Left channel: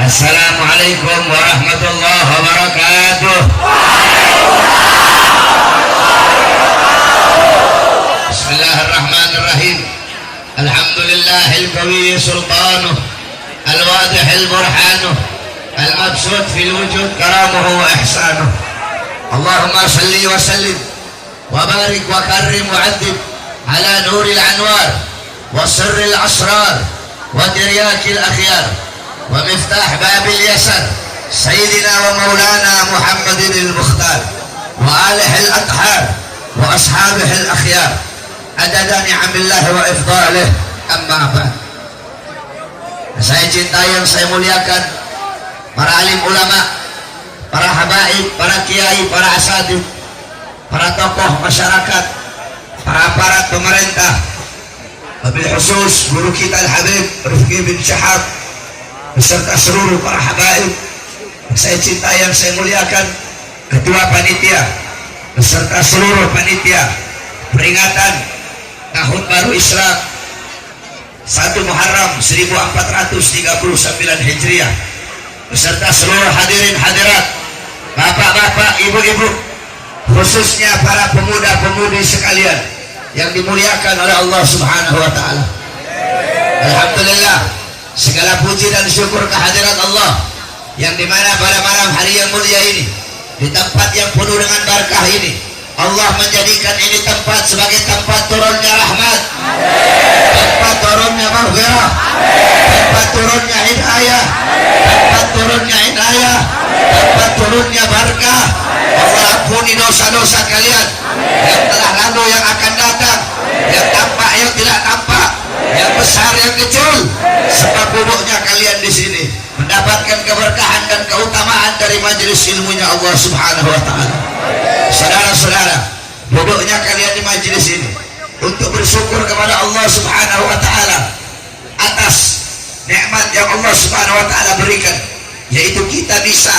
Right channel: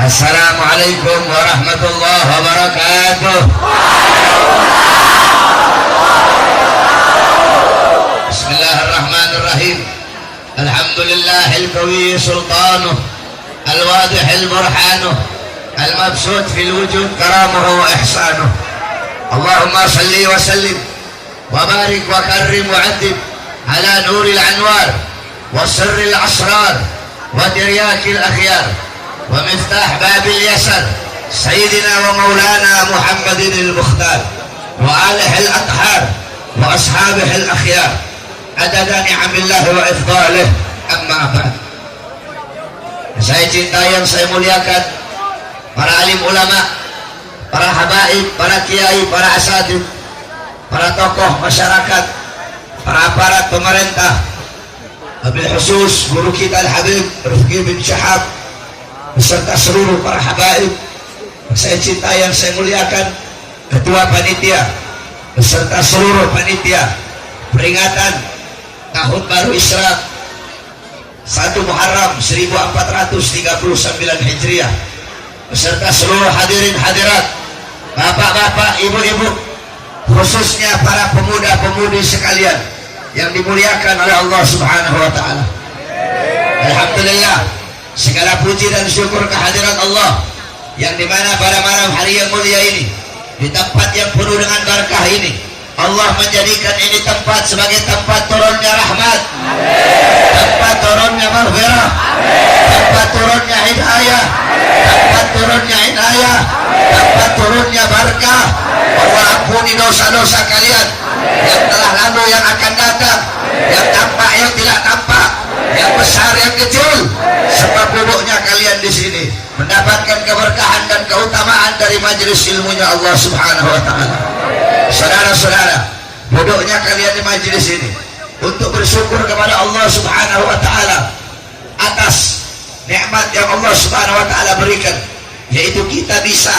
Assalamualaikum warahmatullahi wabarakatuh. Bismillahirrahmanirrahim. Alhamdulillahil qawi sultanuh, al-wadihil burhanuh, al-mabsut fil wujud karamuhu wa ihsanuh. Allahumma salli wa sallim wa barik wa karrim wa addib ala nuril anwar wa sirril asrar wa tiryakil akhyar wa miftah babil yasar sayyidina wa maulana Muhammadin al-Mukhtar wa alihi al-athhar wa ashabihi al-akhyar adada ni'amillah wa ifdalih, amma ba'd. Saya cintai yang saya muliakan para alim ulama, para habaib, para kiai, para asatidz, para tokoh masyarakat, para aparat pemerintah, wabil khusus guru kita Al-Habib Rifqi bin Syahab beserta seluruh para habaib yang saya cintai yang saya muliakan, ketua panitia beserta seluruh panitia peringatan tahun baru Islam 1 Muharram 1439 Hijriah beserta seluruh hadirin hadirat, bapak-bapak, ibu-ibu, khususnya para pemuda-pemudi sekalian yang dimuliakan oleh Allah Subhanahu wa taala. Alhamdulillah, segala puji dan syukur kehadiran Allah yang dimana pada malam hari yang mulia ini, di tempat yang penuh dengan berkah ini, Allah menjadikan ini tempat sebagai tempat turunnya rahmat, tempat turunnya maghfirah, tempat turunnya hidayah, tempat turunnya inayah, tempat turunnya berkah. Allah ampuni dosa-dosa kalian yang telah lalu, yang akan datang, yang tampak, yang tidak tampak, yang besar, yang kecil. Sebab duduknya kalian di sini mendapatkan keberkahan dan keutamaan dari majelis ilmunya Allah Subhanahu wa taala. Saudara-saudara, duduknya kalian di majelis ini untuk bersyukur kepada Allah Subhanahu wa taala atas nikmat yang Allah Subhanahu wa taala berikan, yaitu kita bisa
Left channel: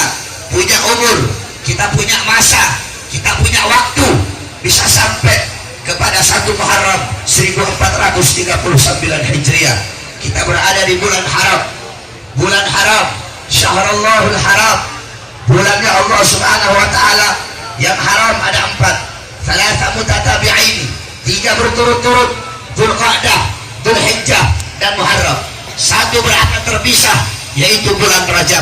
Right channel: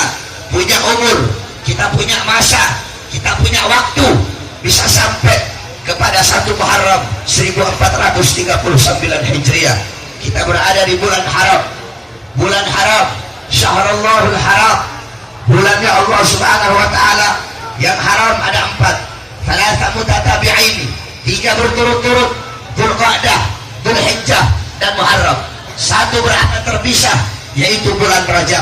punya umur, kita punya masa, kita punya waktu, bisa sampai kepada 1 Muharram 1439 Hijriah. Kita berada di bulan haram, bulan haram, syahrallahul haram, bulannya Allah Subhanahu wa taala yang haram ada 4, salasa mutatabi'in, 3 berturut-turut, Dzulqa'dah, Dzulhijjah dan Muharram. 1 berada terpisah, yaitu bulan Rajab.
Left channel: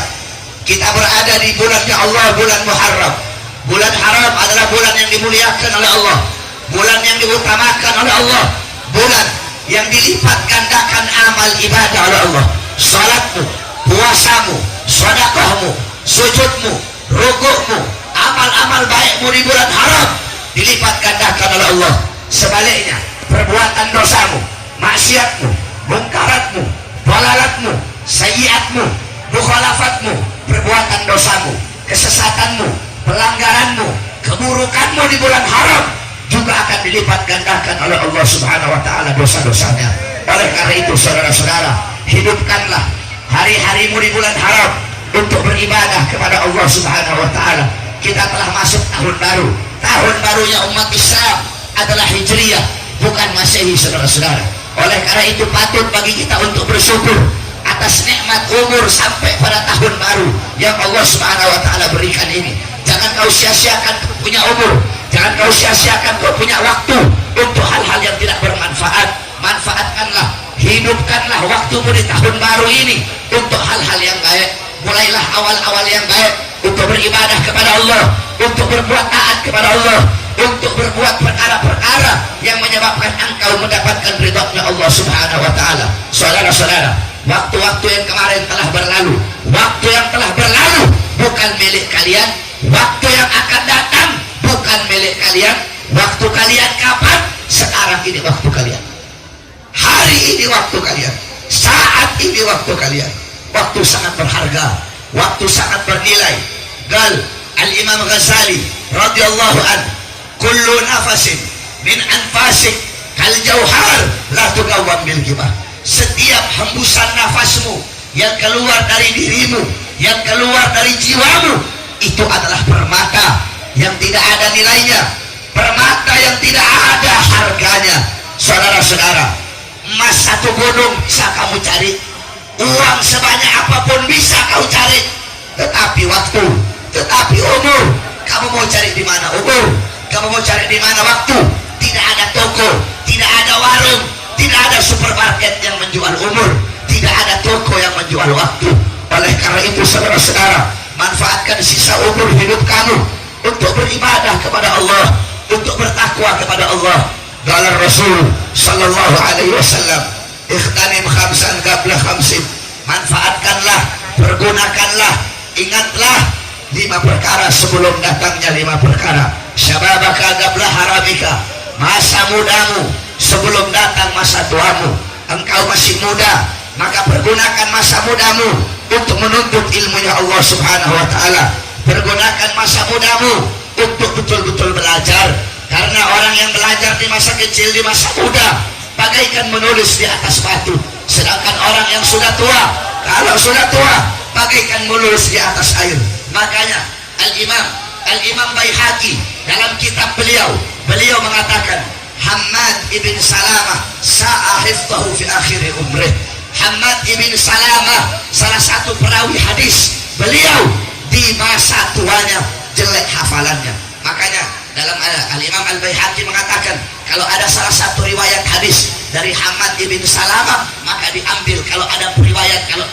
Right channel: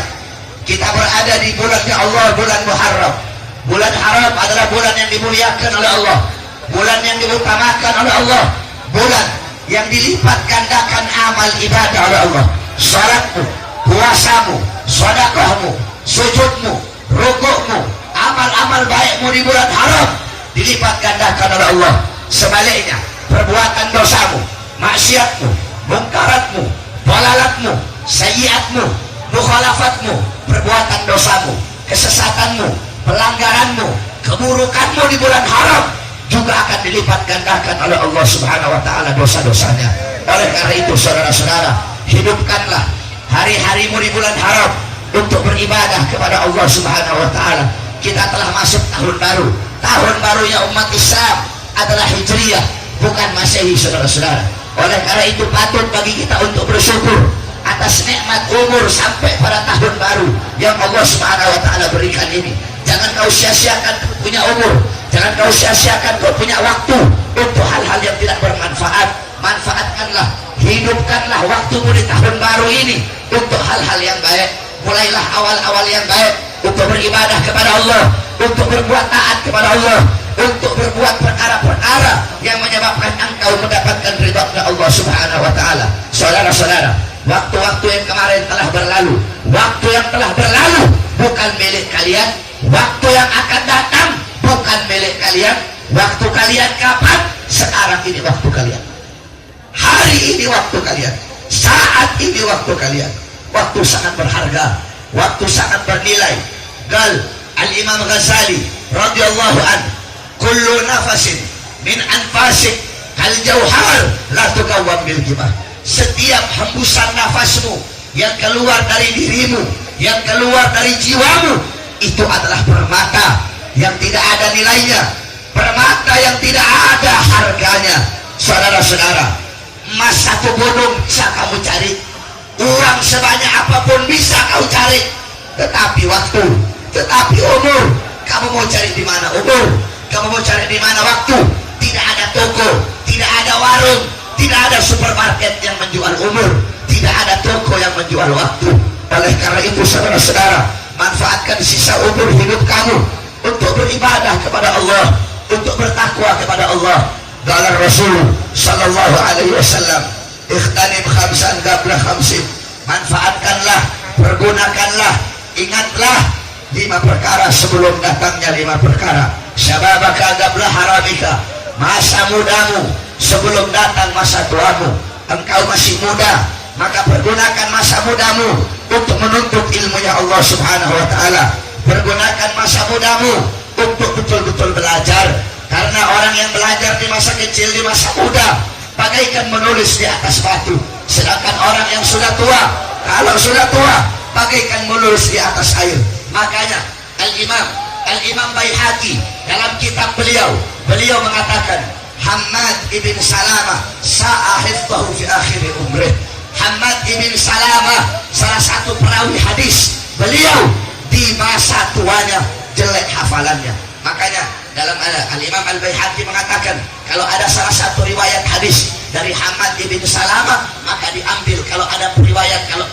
Kita berada di bulannya Allah, bulan Muharram. Bulan haram adalah bulan yang dimuliakan oleh Allah, bulan yang diutamakan oleh Allah, bulan yang dilipat gandakan amal ibadah oleh Allah. Salatmu, puasamu, sedekahmu, sujudmu, rukukmu, amal-amal baikmu di bulan haram dilipat gandakan oleh Allah. Sebaliknya, perbuatan dosamu, maksiatmu, mungkaratmu, dalalatmu, sayyiatmu, mukhalafatmu, perbuatan dosamu, kesesatanmu, pelanggaranmu, keburukanmu di bulan haram juga akan dilipat gandakan oleh Allah Subhanahu wa taala dosa-dosanya. Oleh karena itu, saudara-saudara, hidupkanlah hari-harimu di bulan haram untuk beribadah kepada Allah Subhanahu wa taala. Kita telah masuk tahun baru. Tahun barunya umat Islam adalah Hijriah, bukan Masehi, saudara-saudara. Oleh karena itu patut bagi kita untuk bersyukur atas nikmat umur sampai pada tahun baru yang Allah Subhanahu wa taala berikan ini. Jangan kau sia-siakan kau punya umur, jangan kau sia-siakan kau punya waktu untuk hal-hal yang tidak bermanfaat. Manfaatkanlah, hidupkanlah waktumu di tahun baru ini untuk hal-hal yang baik. Mulailah awal-awal yang baik untuk beribadah kepada Allah, untuk berbuat taat kepada Allah, untuk berbuat perkara-perkara yang menyebabkan engkau mendapatkan ridha Allah Subhanahu wa taala. Saudara-saudara, waktu-waktu yang kemarin telah berlalu, waktu yang telah berlalu bukan milik kalian, waktu yang akan datang bukan milik kalian. Waktu kalian kapan? Sekarang ini waktu kalian, hari ini waktu kalian, saat ini waktu kalian. Waktu sangat berharga, waktu sangat bernilai. Gal Al-Imam Ghazali radhiyallahu an, kullu nafasin min anfasik kal jauhar la tugawwam bil kibah. Setiap hembusan nafasmu yang keluar dari dirimu, yang keluar dari jiwamu, itu adalah permata yang tidak ada nilainya, permata yang tidak ada harganya. Saudara-saudara, emas 1 gunung bisa kamu cari, Uang sebanyak apapun bisa kau cari, tetapi waktu, tetapi umur, kamu mau cari di mana umur? Kamu mau cari di mana waktu? Tidak ada toko, tidak ada warung, tidak ada supermarket yang menjual umur, tidak ada toko yang menjual waktu. Oleh karena itu saudara-saudara, manfaatkan sisa umur hidup kamu untuk beribadah kepada Allah, untuk bertakwa kepada Allah. Qala Rasul sallallahu alaihi wasallam, ikhtanim khamsan qabla khamsin. Manfaatkanlah, pergunakanlah, ingatlah 5 perkara sebelum datangnya 5 perkara. Syababaka qabla haramika, masa mudamu sebelum datang masa tuamu. Engkau masih muda, maka pergunakan masa mudamu untuk menuntut ilmunya Allah subhanahu wa ta'ala. Pergunakan masa mudamu untuk betul-betul belajar, karena orang yang belajar di masa kecil, di masa muda, bagaikan menulis di atas batu. Sedangkan orang yang sudah tua, kalau sudah tua, bagaikan menulis di atas air. Makanya Al-Imam Baihaqi dalam kitab beliau mengatakan, Hammad ibn Salamah sa'ahiftahu fi akhir umrih. Hammad ibn Salamah salah satu perawi hadis, beliau di masa tuanya jelek hafalannya. Makanya dalam Al-Imam Al-Baihaqi mengatakan, kalau ada salah satu riwayat hadis dari Hammad ibn Salamah, maka diambil. Kalau ada riwayat, kalau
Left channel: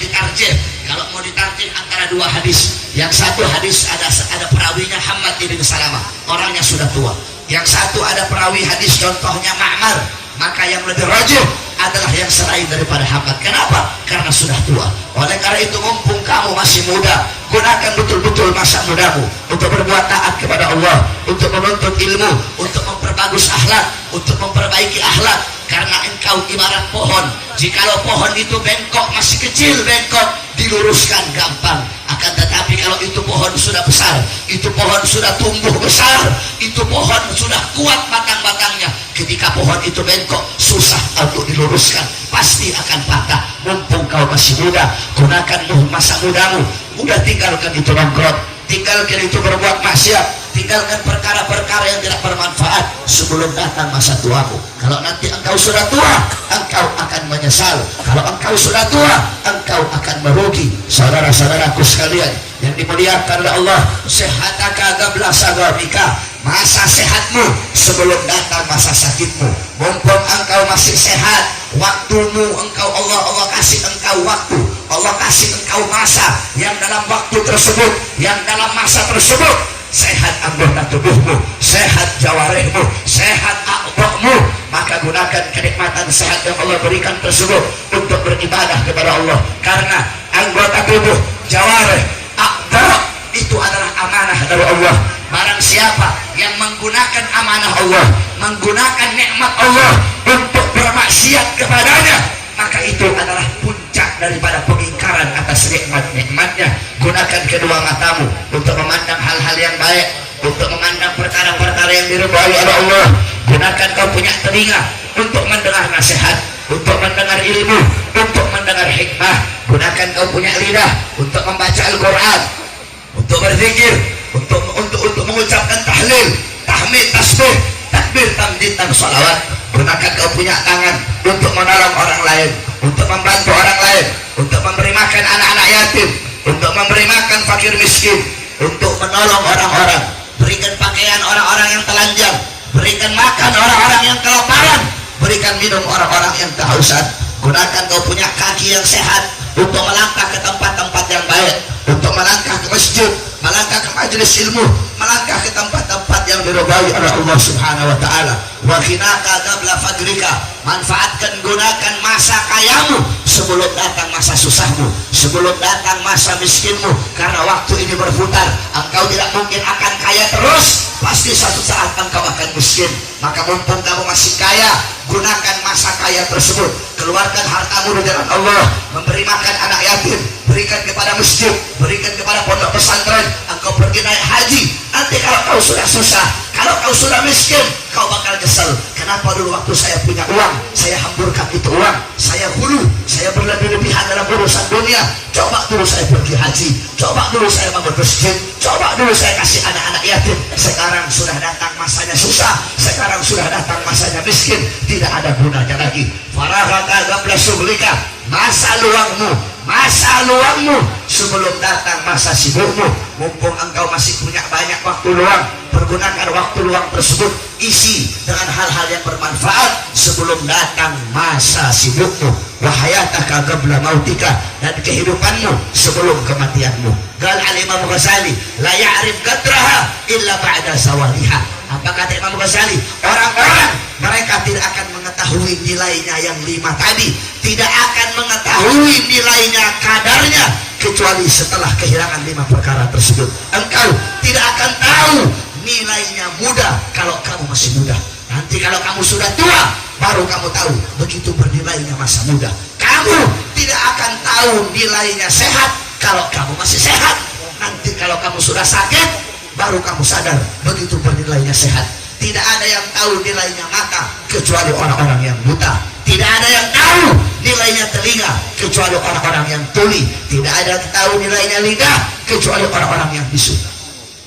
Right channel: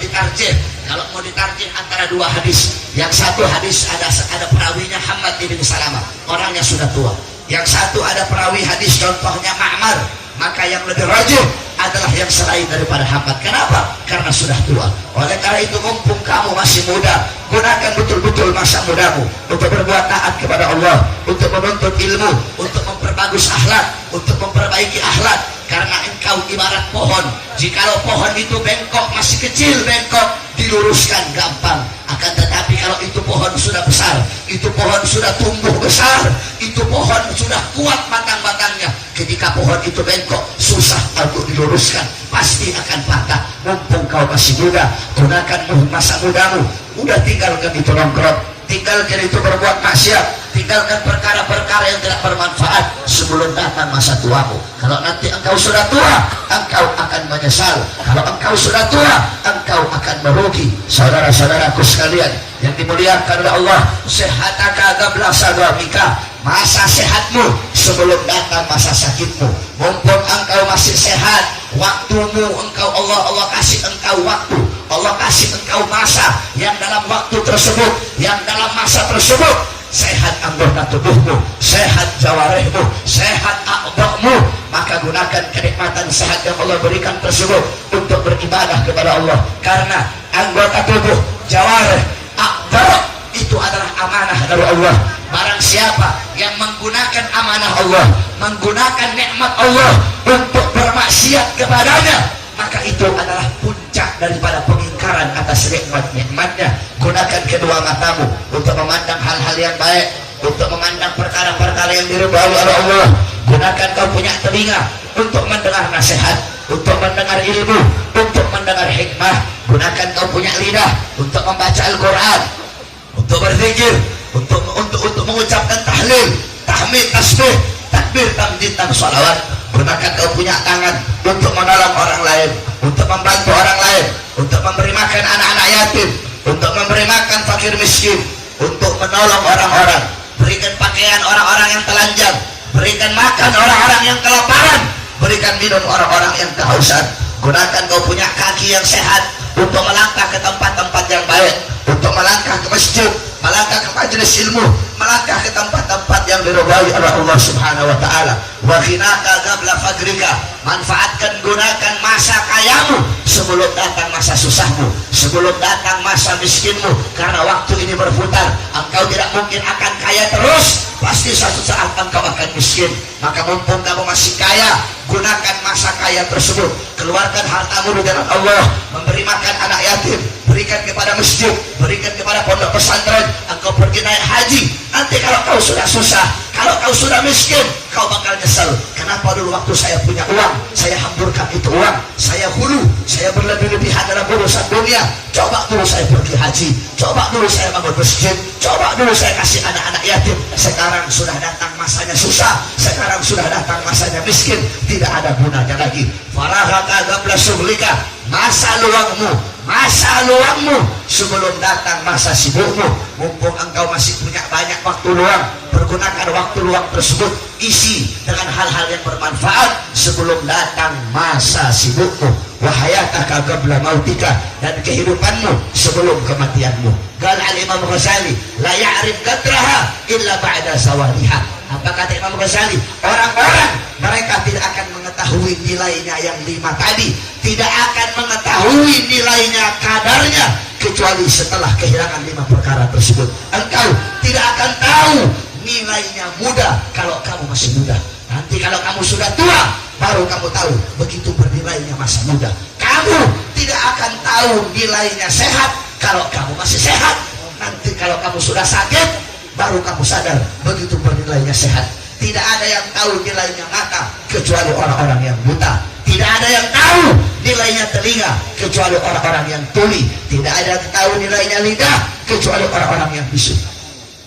mau ditarjih antara 2 hadis, yang satu hadis ada perawinya Hammad ibn Salamah, orangnya sudah tua. Yang satu ada perawi hadis contohnya Ma'mar, maka yang lebih rajih adalah yang selain daripada Hammad. Kenapa? Karena sudah tua. Oleh karena itu, mumpung kamu masih muda, gunakan betul-betul masa mudamu untuk berbuat taat kepada Allah, untuk menuntut ilmu, untuk memperbagus akhlak, untuk memperbaiki akhlak. Karena engkau ibarat pohon. Jikalau pohon itu bengkok, masih kecil bengkok, diluruskan gampang. Akan tetapi kalau itu pohon sudah besar, itu pohon sudah tumbuh besar, itu pohon sudah kuat batang-batangnya, ketika pohon itu bengkok, susah untuk diluruskan, pasti akan patah. Mumpung kau masih muda, gunakan masa mudamu. Udah tinggalkan itu nongkrong, tinggalkan itu berbuat maksiat, tinggalkan perkara-perkara yang tidak bermanfaat sebelum datang masa tuamu. Kalau nanti engkau sudah tua, engkau akan menyesal. Kalau engkau sudah tua, engkau akan merugi. Saudara-saudaraku sekalian yang dimuliakan oleh Allah, sehataka qabla sagamika, masa sehatmu sebelum datang masa sakitmu. Mumpung engkau masih sehat, waktumu engkau Allah kasih engkau waktu, Allah kasih engkau masa, yang dalam waktu tersebut, yang dalam masa tersebut sehat anggota tubuhmu, sehat jawarihmu, sehat a'dha'mu, maka gunakan kenikmatan sehat yang Allah berikan tersebut untuk beribadah kepada Allah. Karena anggota tubuh, jawarih, a'dha' itu adalah amanah dari Allah. Barang siapa yang menggunakan amanah Allah, menggunakan nikmat Allah untuk bermaksiat kepadanya, maka itu adalah puncak daripada pengingkaran atas nikmat-nikmatnya. Gunakan kedua matamu untuk memandang hal-hal yang baik, untuk memandang perkara-perkara yang diridhai oleh Allah. Gunakan kau punya telinga untuk mendengar nasihat, untuk mendengar ilmu, untuk mendengar hikmah. Gunakan kau punya lidah untuk membaca Al-Quran, untuk berzikir, untuk mengucapkan tahlil, tahmid, tasbih, takbir, tamjid, dan sholawat. Gunakan kau punya tangan untuk menolong orang lain, untuk membantu orang lain, untuk memberi makan anak-anak yatim, untuk memberi makan fakir miskin, untuk menolong orang-orang. Berikan pakaian orang-orang yang telanjang, berikan makan orang-orang yang kelaparan, berikan minum orang-orang yang kehausan. Gunakan kau punya kaki yang sehat untuk melangkah ke tempat-tempat yang baik, untuk melangkah ke masjid, melangkah ke majelis ilmu, melangkah ke tempat-tempat yang diridhai oleh Allah Subhanahu wa taala. Wa khinaka qabla fajrika, manfaatkan, gunakan masa kayamu sebelum datang masa susahmu, sebelum datang masa miskinmu. Karena waktu ini berputar, engkau tidak mungkin akan kaya terus, pasti suatu saat engkau akan miskin. Maka mumpung kamu masih kaya, gunakan masa kaya tersebut, keluarkan hartamu di jalan Allah, memberi makan anak yatim, berikan kepada masjid, berikan kepada pondok pesantren. Engkau pergi naik haji, nanti kalau kau sudah susah, kalau kau sudah miskin, kau bakal kesal. Kenapa dulu waktu saya punya uang, saya hamburkan itu uang, saya hulu, saya berlebih-lebihan dalam urusan dunia. Coba dulu saya pergi haji, coba dulu saya bangun masjid, coba dulu saya kasih anak-anak yatim. Sekarang sudah datang masanya susah, sekarang sudah datang masanya miskin, tidak ada gunanya lagi. Farahaka qabla syughlika, masa luangmu, masa luangmu sebelum datang masa sibukmu. Mumpung engkau masih punya banyak waktu luang, pergunakan waktu luang tersebut, isi dengan hal-hal yang bermanfaat sebelum datang masa sibukmu. Wahayataka qabla mautika, dan kehidupanmu sebelum kematianmu. Qala al-Imam Ghazali, la ya'rif qadraha illa ba'da zawaliha. Apa kata Imam Ghazali? Orang-orang mereka tidak akan mengetahui nilainya yang 5 tadi, tidak akan mengetahui nilainya, kadarnya, kecuali setelah kehilangan 5 perkara tersebut. Engkau tidak akan tahu nilainya muda kalau kamu masih muda. Nanti kalau kamu sudah tua, baru kamu tahu begitu bernilainya masa muda. Kamu tidak akan tahu nilainya sehat kalau kamu masih sehat. Nanti kalau kamu sudah sakit, baru kamu sadar begitu bernilainya sehat. Tidak ada yang tahu nilainya mata kecuali orang-orang yang buta. Tidak ada yang tahu nilainya telinga kecuali orang-orang yang tuli. Tidak ada yang tahu nilainya lidah kecuali orang-orang yang bisu.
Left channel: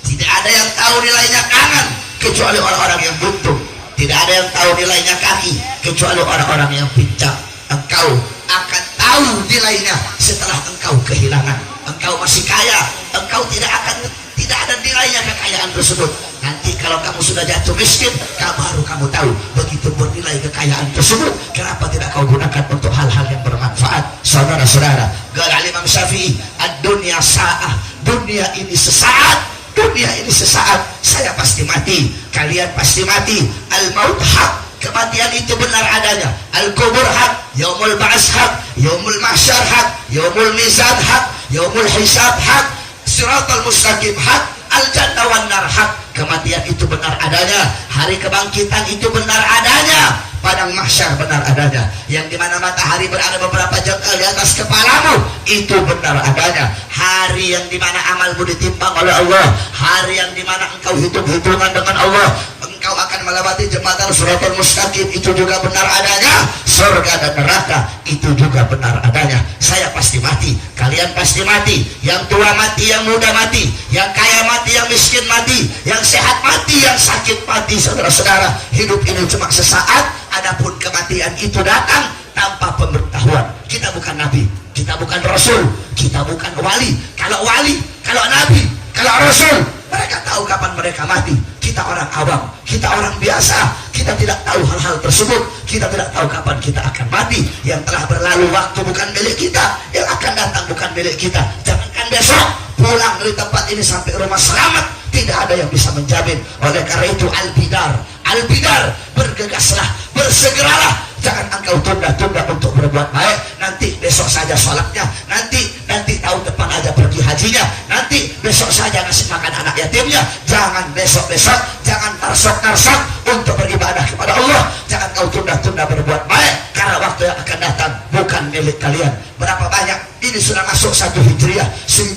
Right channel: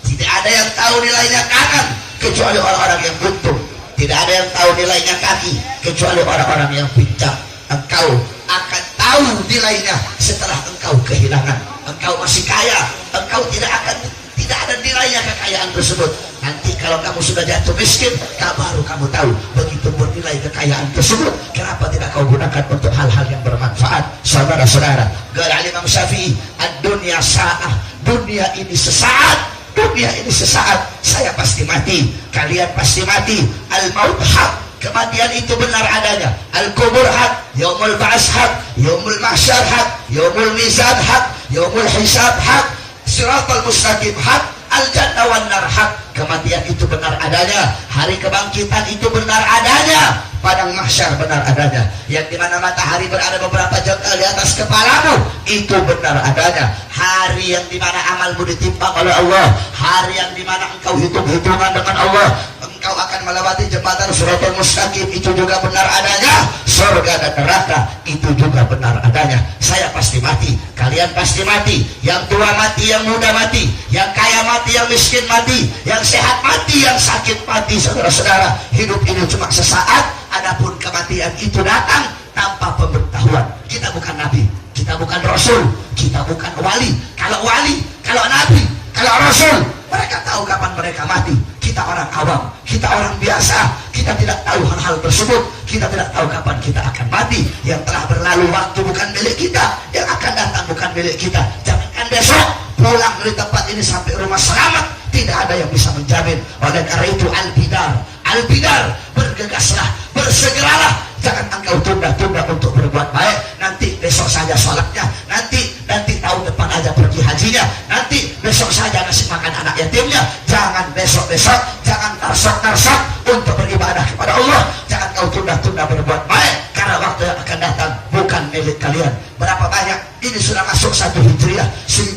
Tidak ada yang tahu nilainya tangan kecuali orang-orang yang buntung. Tidak ada yang tahu nilainya kaki kecuali orang-orang yang pincang. Engkau akan tahu nilainya setelah engkau kehilangan. Engkau masih kaya, engkau tidak ada nilainya kekayaan tersebut. Nanti kalau kamu sudah jatuh miskin, baru kamu tahu begitu bernilai kekayaan tersebut. Kenapa tidak kau gunakan untuk hal-hal yang bermanfaat? Saudara-saudara, qala Imam Syafi'i, ad-dunya sa'ah, dunia ini sesaat. Dunia ini sesaat, saya pasti mati, kalian pasti mati. Al-maut hak, kematian itu benar adanya. Al-kubur hak, yaumul ba'as hak, yaumul mahsyar hak, yaumul mizan hak, yaumul hisab hak, siratal mustaqim hak, al-jannah wan nar hak. Kematian itu benar adanya, hari kebangkitan itu benar adanya, padang mahsyar benar adanya, yang dimana matahari berada beberapa jam di atas kepalamu, itu benar adanya. Hari yang dimana amalmu ditimbang oleh Allah, hari yang dimana engkau hitung-hitungan dengan Allah, engkau akan melewati jembatan siratal mustaqim, itu juga benar adanya. Surga dan neraka itu juga benar adanya. Saya pasti mati, kalian pasti mati, yang tua mati, yang muda mati, yang kaya mati, yang miskin mati, yang sehat mati, yang sakit mati. Saudara-saudara, hidup ini cuma sesaat, adapun kematian itu datang tanpa pemberitahuan. Kita bukan nabi, kita bukan rasul, kita bukan wali. Kalau wali, kalau nabi, kalau rasul, mereka tahu kapan mereka mati. Kita orang awam, kita orang biasa, kita tidak tahu hal-hal tersebut. Kita tidak tahu kapan kita akan mati. Yang telah berlalu waktu bukan milik kita, yang akan datang bukan milik kita. Jangankan besok pulang dari tempat ini sampai rumah selamat, tidak ada yang bisa menjamin. Oleh karena itu al-bidar, bergegaslah, bersegeralah. Jangan engkau tunda-tunda untuk berbuat baik. Nanti besok saja sholatnya, nanti tahun depan aja pergi hajinya, nanti besok saja ngasih makan anak yatimnya. Jangan besok-besok, jangan tarsok-tarsok untuk beribadah kepada Allah. Jangan kau tunda-tunda berbuat baik, karena waktu yang akan datang bukan milik kalian. Berapa banyak ini sudah masuk 1 Hijriah, 1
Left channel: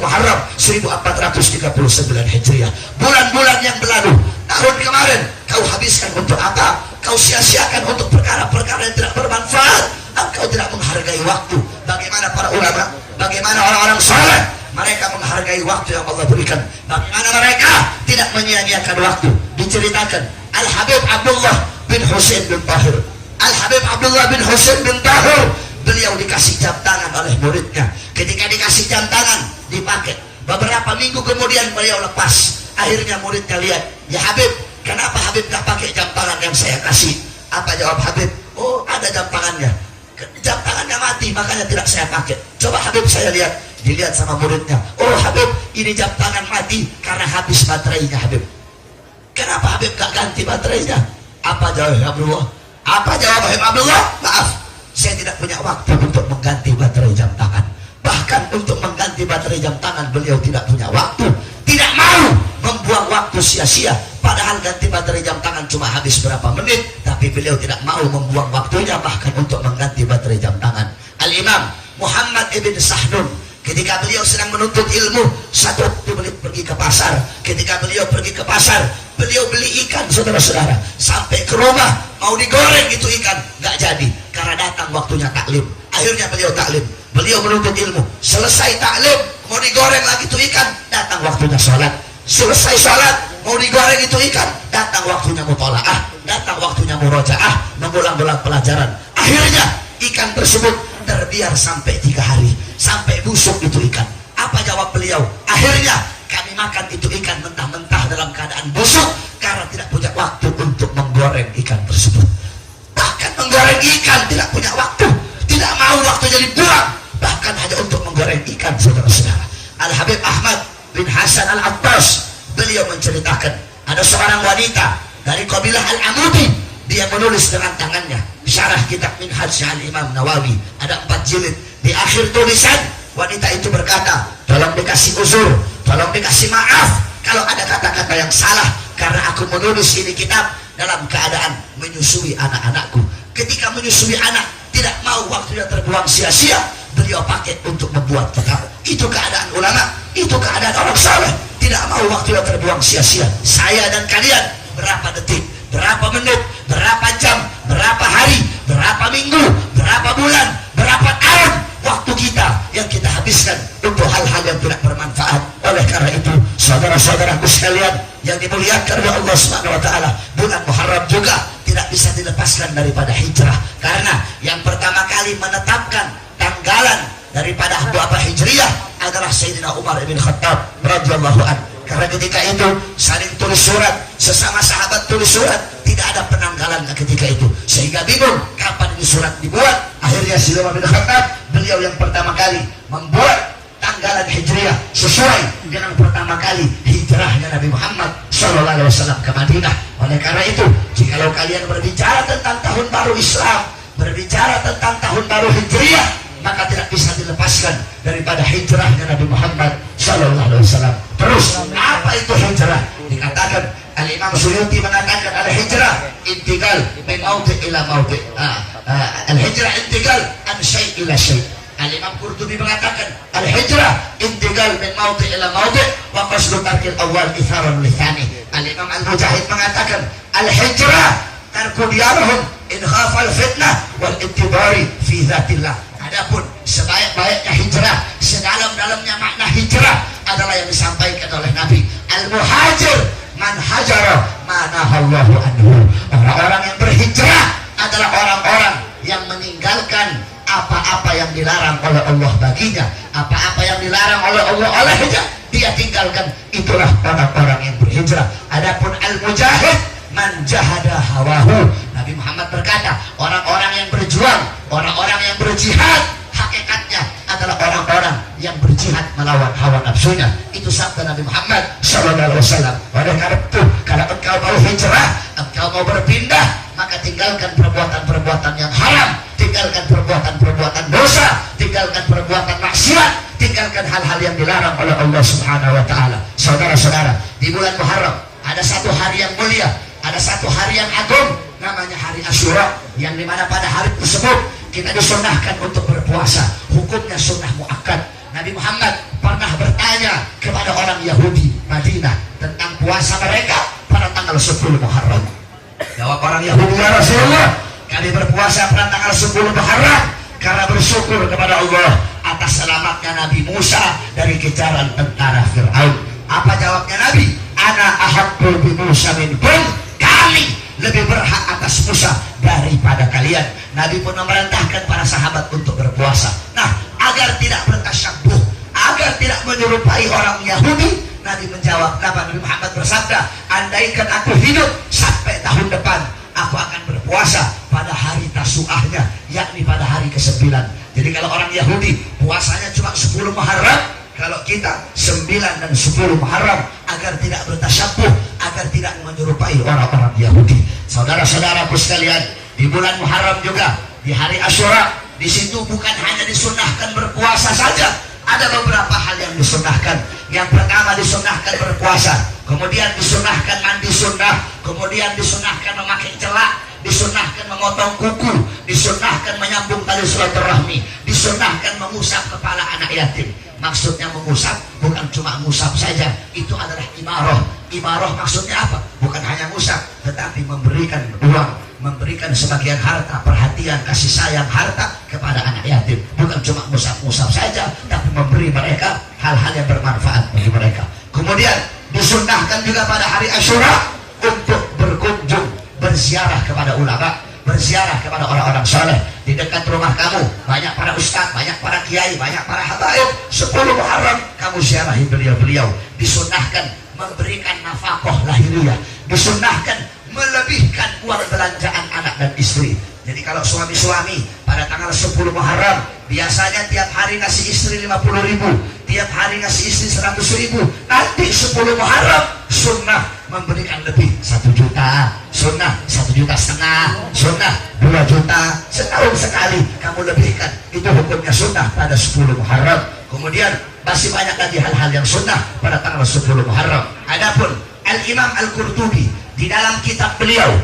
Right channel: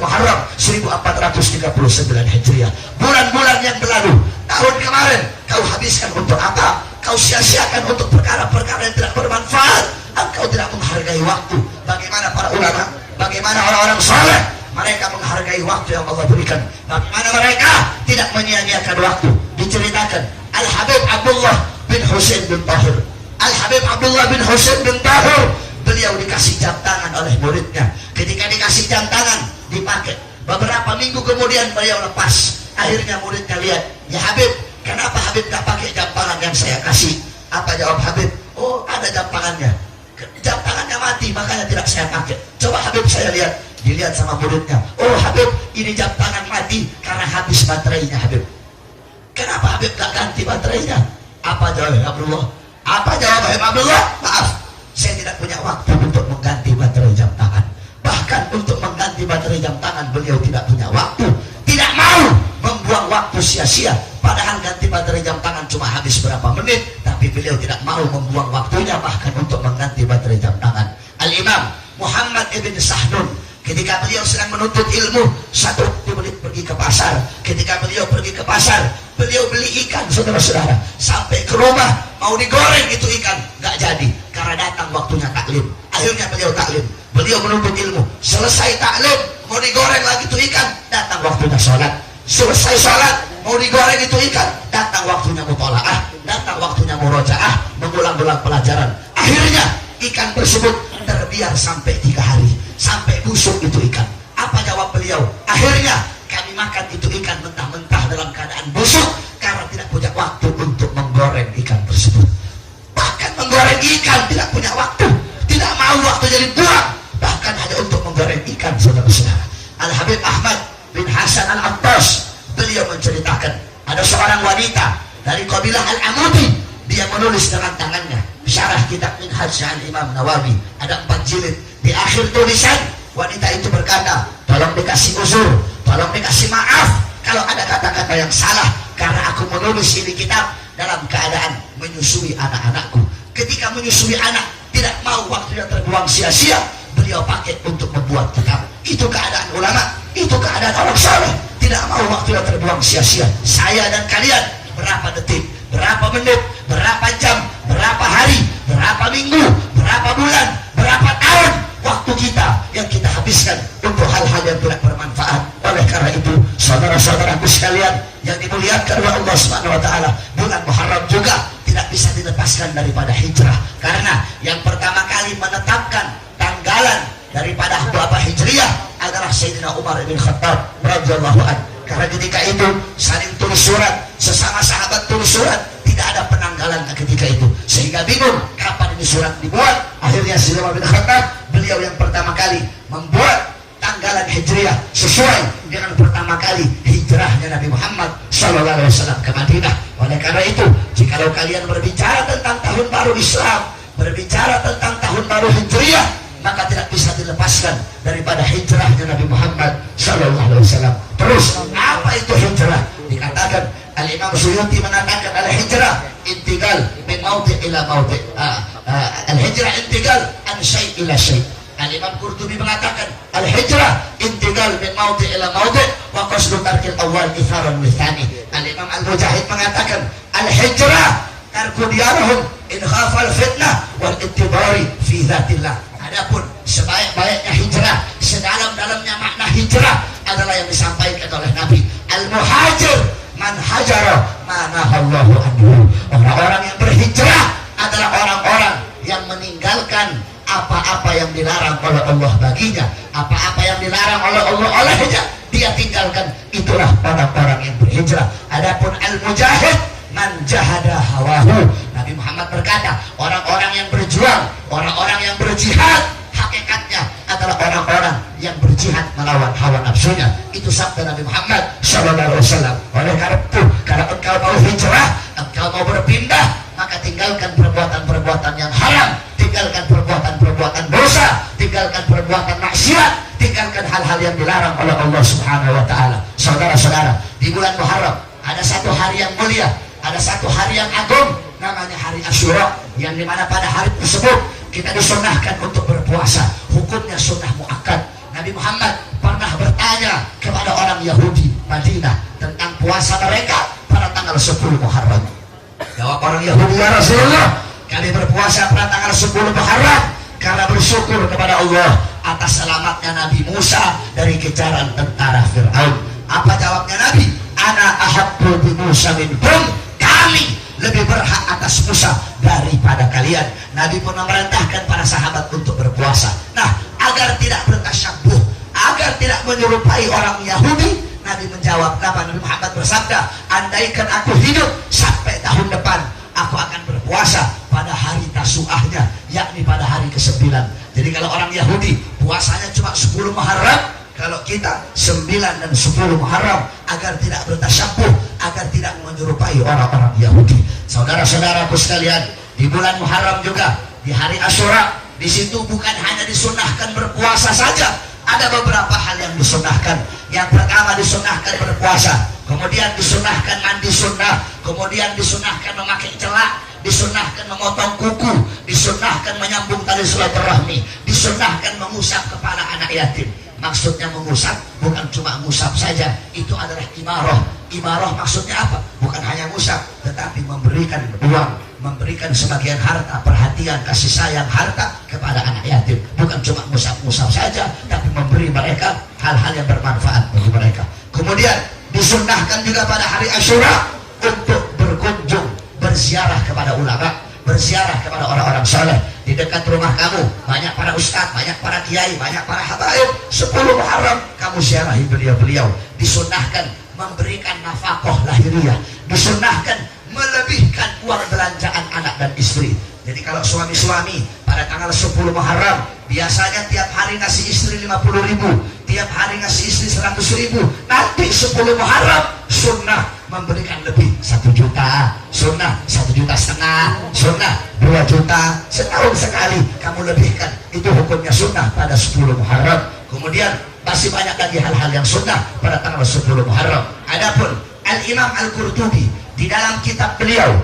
Muharram, 1439 Hijriah. Bulan-bulan yang berlalu, tahun kemarin kau habiskan untuk apa? Kau sia-siakan untuk perkara-perkara yang tidak bermanfaat. Engkau tidak menghargai waktu. Bagaimana para ulama, bagaimana orang-orang saleh, mereka menghargai waktu yang Allah berikan. Bagaimana mereka tidak menyia-nyiakan waktu. Diceritakan Al-Habib Abdullah bin Husain bin Tahir. Al-Habib Abdullah bin Husain bin Tahir, beliau dikasih jam tangan oleh muridnya. Ketika dikasih jam tangan, dipakai. Beberapa minggu kemudian beliau lepas. Akhirnya muridnya lihat, ya Habib, kenapa Habib tak pakai jam tangan yang saya kasih? Apa jawab Habib? Oh, ada jam tangannya. Jam tangannya mati, makanya tidak saya pakai. Coba Habib saya lihat. Dilihat sama muridnya. Oh Habib, ini jam tangan mati karena habis baterainya Habib. Kenapa Habib gak ganti baterainya? Apa jawab Abdullah? Apa jawab Habib Abdullah? Maaf, saya tidak punya waktu untuk mengganti baterai jam tangan. Bahkan untuk mengganti baterai jam tangan beliau tidak punya waktu. Tidak mau membuang waktu sia-sia. Padahal ganti baterai jam tangan cuma habis berapa menit, tapi beliau tidak mau membuang waktunya bahkan untuk mengganti baterai jam tangan. Al-Imam Muhammad ibn Sahnun, ketika beliau sedang menuntut ilmu, satu waktu beliau pergi ke pasar. Ketika beliau pergi ke pasar, beliau beli ikan, saudara-saudara. Sampai ke rumah, mau digoreng itu ikan, gak jadi, karena datang waktunya taklim. Akhirnya beliau taklim, beliau menuntut ilmu. Selesai taklim, mau digoreng lagi itu ikan, datang waktunya sholat. Selesai sholat, mau digoreng itu ikan, datang waktunya mutolaah, datang waktunya murojaah, mengulang-ulang pelajaran. Akhirnya ikan tersebut terbiar sampai 3 hari, sampai busuk itu ikan. Apa jawab beliau? Akhirnya kami makan itu ikan mentah-mentah dalam keadaan busuk karena tidak punya waktu untuk menggoreng ikan tersebut. Bahkan menggoreng ikan tidak punya waktu, tidak mau waktunya dibuang, bahkan hanya untuk menggoreng ikan, saudara-saudara. Al-Habib Ahmad bin Hasan Al-Abbas, beliau menceritakan ada seorang wanita dari kabilah Al-Amudi. Dia menulis dengan tangannya syarah kitab Minhaj Al-Imam Nawawi, ada 4 jilid. Di akhir tulisan wanita itu berkata, tolong dikasih uzur, tolong dikasih maaf kalau ada kata-kata yang salah, karena aku menulis ini kitab dalam keadaan menyusui anak-anakku. Ketika menyusui anak tidak mau waktunya terbuang sia-sia, beliau pakai untuk membuat kitab. Itu keadaan ulama, itu keadaan orang saleh, tidak mau waktunya terbuang sia-sia. Saya dan kalian berapa detik, berapa menit, berapa jam, berapa hari, berapa minggu, berapa bulan, berapa tahun waktu kita yang kita habiskan untuk hal-hal yang tidak bermanfaat. Oleh karena itu, saudara-saudaraku sekalian yang dimuliakan oleh Allah Subhanahu wa taala, bulan Muharram juga tidak bisa dilepaskan daripada hijrah. Karena yang pertama kali menetapkan tanggalan daripada Abah Hijriyah adalah Sayyidina Umar bin Khattab radhiyallahu anhu. Karena ketika itu saling tulis surat, sesama sahabat tulis surat, tidak ada penanggalan ketika itu, sehingga bingung kapan ini surat dibuat. Akhirnya Sayyidina Umar bin Khattab, beliau yang pertama kali membuat tanggalan Hijriyah sesuai dengan pertama kali hijrahnya Nabi Muhammad SAW ke Madinah. Oleh karena itu, jikalau kalian berbicara tentang tahun baru Islam, berbicara tentang tahun baru Hijriyah, maka tidak bisa dilepaskan daripada hijrahnya Nabi Muhammad SAW. Terus, apa itu hijrah? Dikatakan, Al-Imam Suyuti mengatakan al-hijrah intiqal min mawdi' ila mawdi'. Al-hijrah intiqal an syai' ila syai'. Al-Imam Qurtubi mengatakan al-hijrah intiqal min mawdi' ila mawdi' wa qasdu tarkil awal itharan lithani. Al-Imam Al-Mujahid mengatakan al-hijrah tarku diyarahum in khafal fitnah wal ittibari fi dhatillah. Adapun sebaik-baiknya hijrah, sedalam-dalamnya makna hijrah adalah yang disampaikan oleh Nabi. Al-muhajir man hajara manahallahu anhu. Orang-orang yang berhijrah adalah orang-orang yang meninggalkan apa-apa yang dilarang oleh Allah baginya. Apa-apa yang dilarang oleh Allah olehnya, dia tinggalkan. Itulah orang-orang yang berhijrah. Adapun al-mujahid man jahada hawahu. Nabi Muhammad berkata, orang-orang yang berjuang, orang-orang yang berjihad, hakikatnya adalah orang-orang yang berjihad melawan hawa nafsunya. Itu sabda Nabi Muhammad SAW. Oleh karena itu, kalau engkau mau hijrah, engkau mau berpindah, maka tinggalkan perbuatan-perbuatan yang haram, tinggalkan perbuatan-perbuatan dosa, tinggalkan perbuatan maksiat, tinggalkan hal-hal yang dilarang oleh Allah Subhanahu wa taala. Saudara-saudara, di bulan Muharram ada satu hari yang mulia, ada satu hari yang agung, namanya hari Asyura, yang dimana pada hari tersebut kita disunahkan untuk berpuasa. Hukumnya sunnah muakkad. Nabi Muhammad pernah bertanya kepada orang Yahudi Madinah tentang puasa mereka pada tanggal 10 Muharram. Jawab orang Yahudi, ya Rasulullah, kami berpuasa pada tanggal 10 Muharram karena bersyukur kepada Allah atas selamatnya Nabi Musa dari kejaran tentara Fir'aun. Apa jawabnya Nabi? Ana ahabbu bi Musa minkum. Kami lebih berhak atas Musa daripada kalian. Nabi pun memerintahkan para sahabat untuk berpuasa. Nah, agar tidak bertasyabuh, agar tidak menyerupai orang Yahudi, Nabi menjawab, Nabi Muhammad bersabda, andaikan aku hidup sampai tahun depan, aku akan berpuasa pada hari Tasu'ahnya, yakni pada hari ke-9. Jadi kalau orang Yahudi puasanya cuma 10 Muharram, kalau kita 9 dan 10 Muharram, agar tidak bertasyabuh, agar tidak menyerupai orang-orang Yahudi. Saudara-saudaraku sekalian, di bulan Muharram juga, di hari Asyura, di situ bukan hanya disunahkan berpuasa saja, ada beberapa hal yang disunahkan. Yang pertama disunahkan berpuasa, kemudian disunahkan mandi sunnah, kemudian disunahkan memakai celak, disunahkan memotong kuku, disunahkan menyambung tali silaturahmi, disunahkan mengusap kepala anak yatim. Maksudnya mengusap bukan cuma mengusap saja, itu adalah imarah. Imarah maksudnya apa? Bukan hanya ngusap, tetapi memberikan uang, memberikan sebagian harta, perhatian, kasih sayang harta kepada anak yatim. Bukan cuma ngusap-ngusap saja, tapi memberi mereka hal-hal yang bermanfaat bagi mereka. Kemudian disunnahkan juga pada hari Asyura untuk berkunjung, berziarah kepada ulama, berziarah kepada orang-orang soleh. Di dekat rumah kamu banyak para ustaz, banyak para kiai, banyak para habaib. 10 Muharram kamu ziarahi beliau-beliau. Disunnahkan memberikan nafkah lahiriah, disunnahkan melebihkan uang belanjaan anak dan istri. Jadi kalau suami-suami pada tanggal 10 Muharram biasanya tiap hari ngasih istri 50.000, tiap hari ngasih istri 100.000. Nanti 10 Muharram sunnah memberikan lebih 1 juta, sunnah 1,5 juta, sunnah 2 juta, setahun sekali kamu lebihkan. Itu hukumnya sunnah pada 10 Muharram. Kemudian masih banyak lagi hal-hal yang sunnah pada tanggal 10 Muharram. Adapun Al-Imam Al-Qurtubi di dalam kitab beliau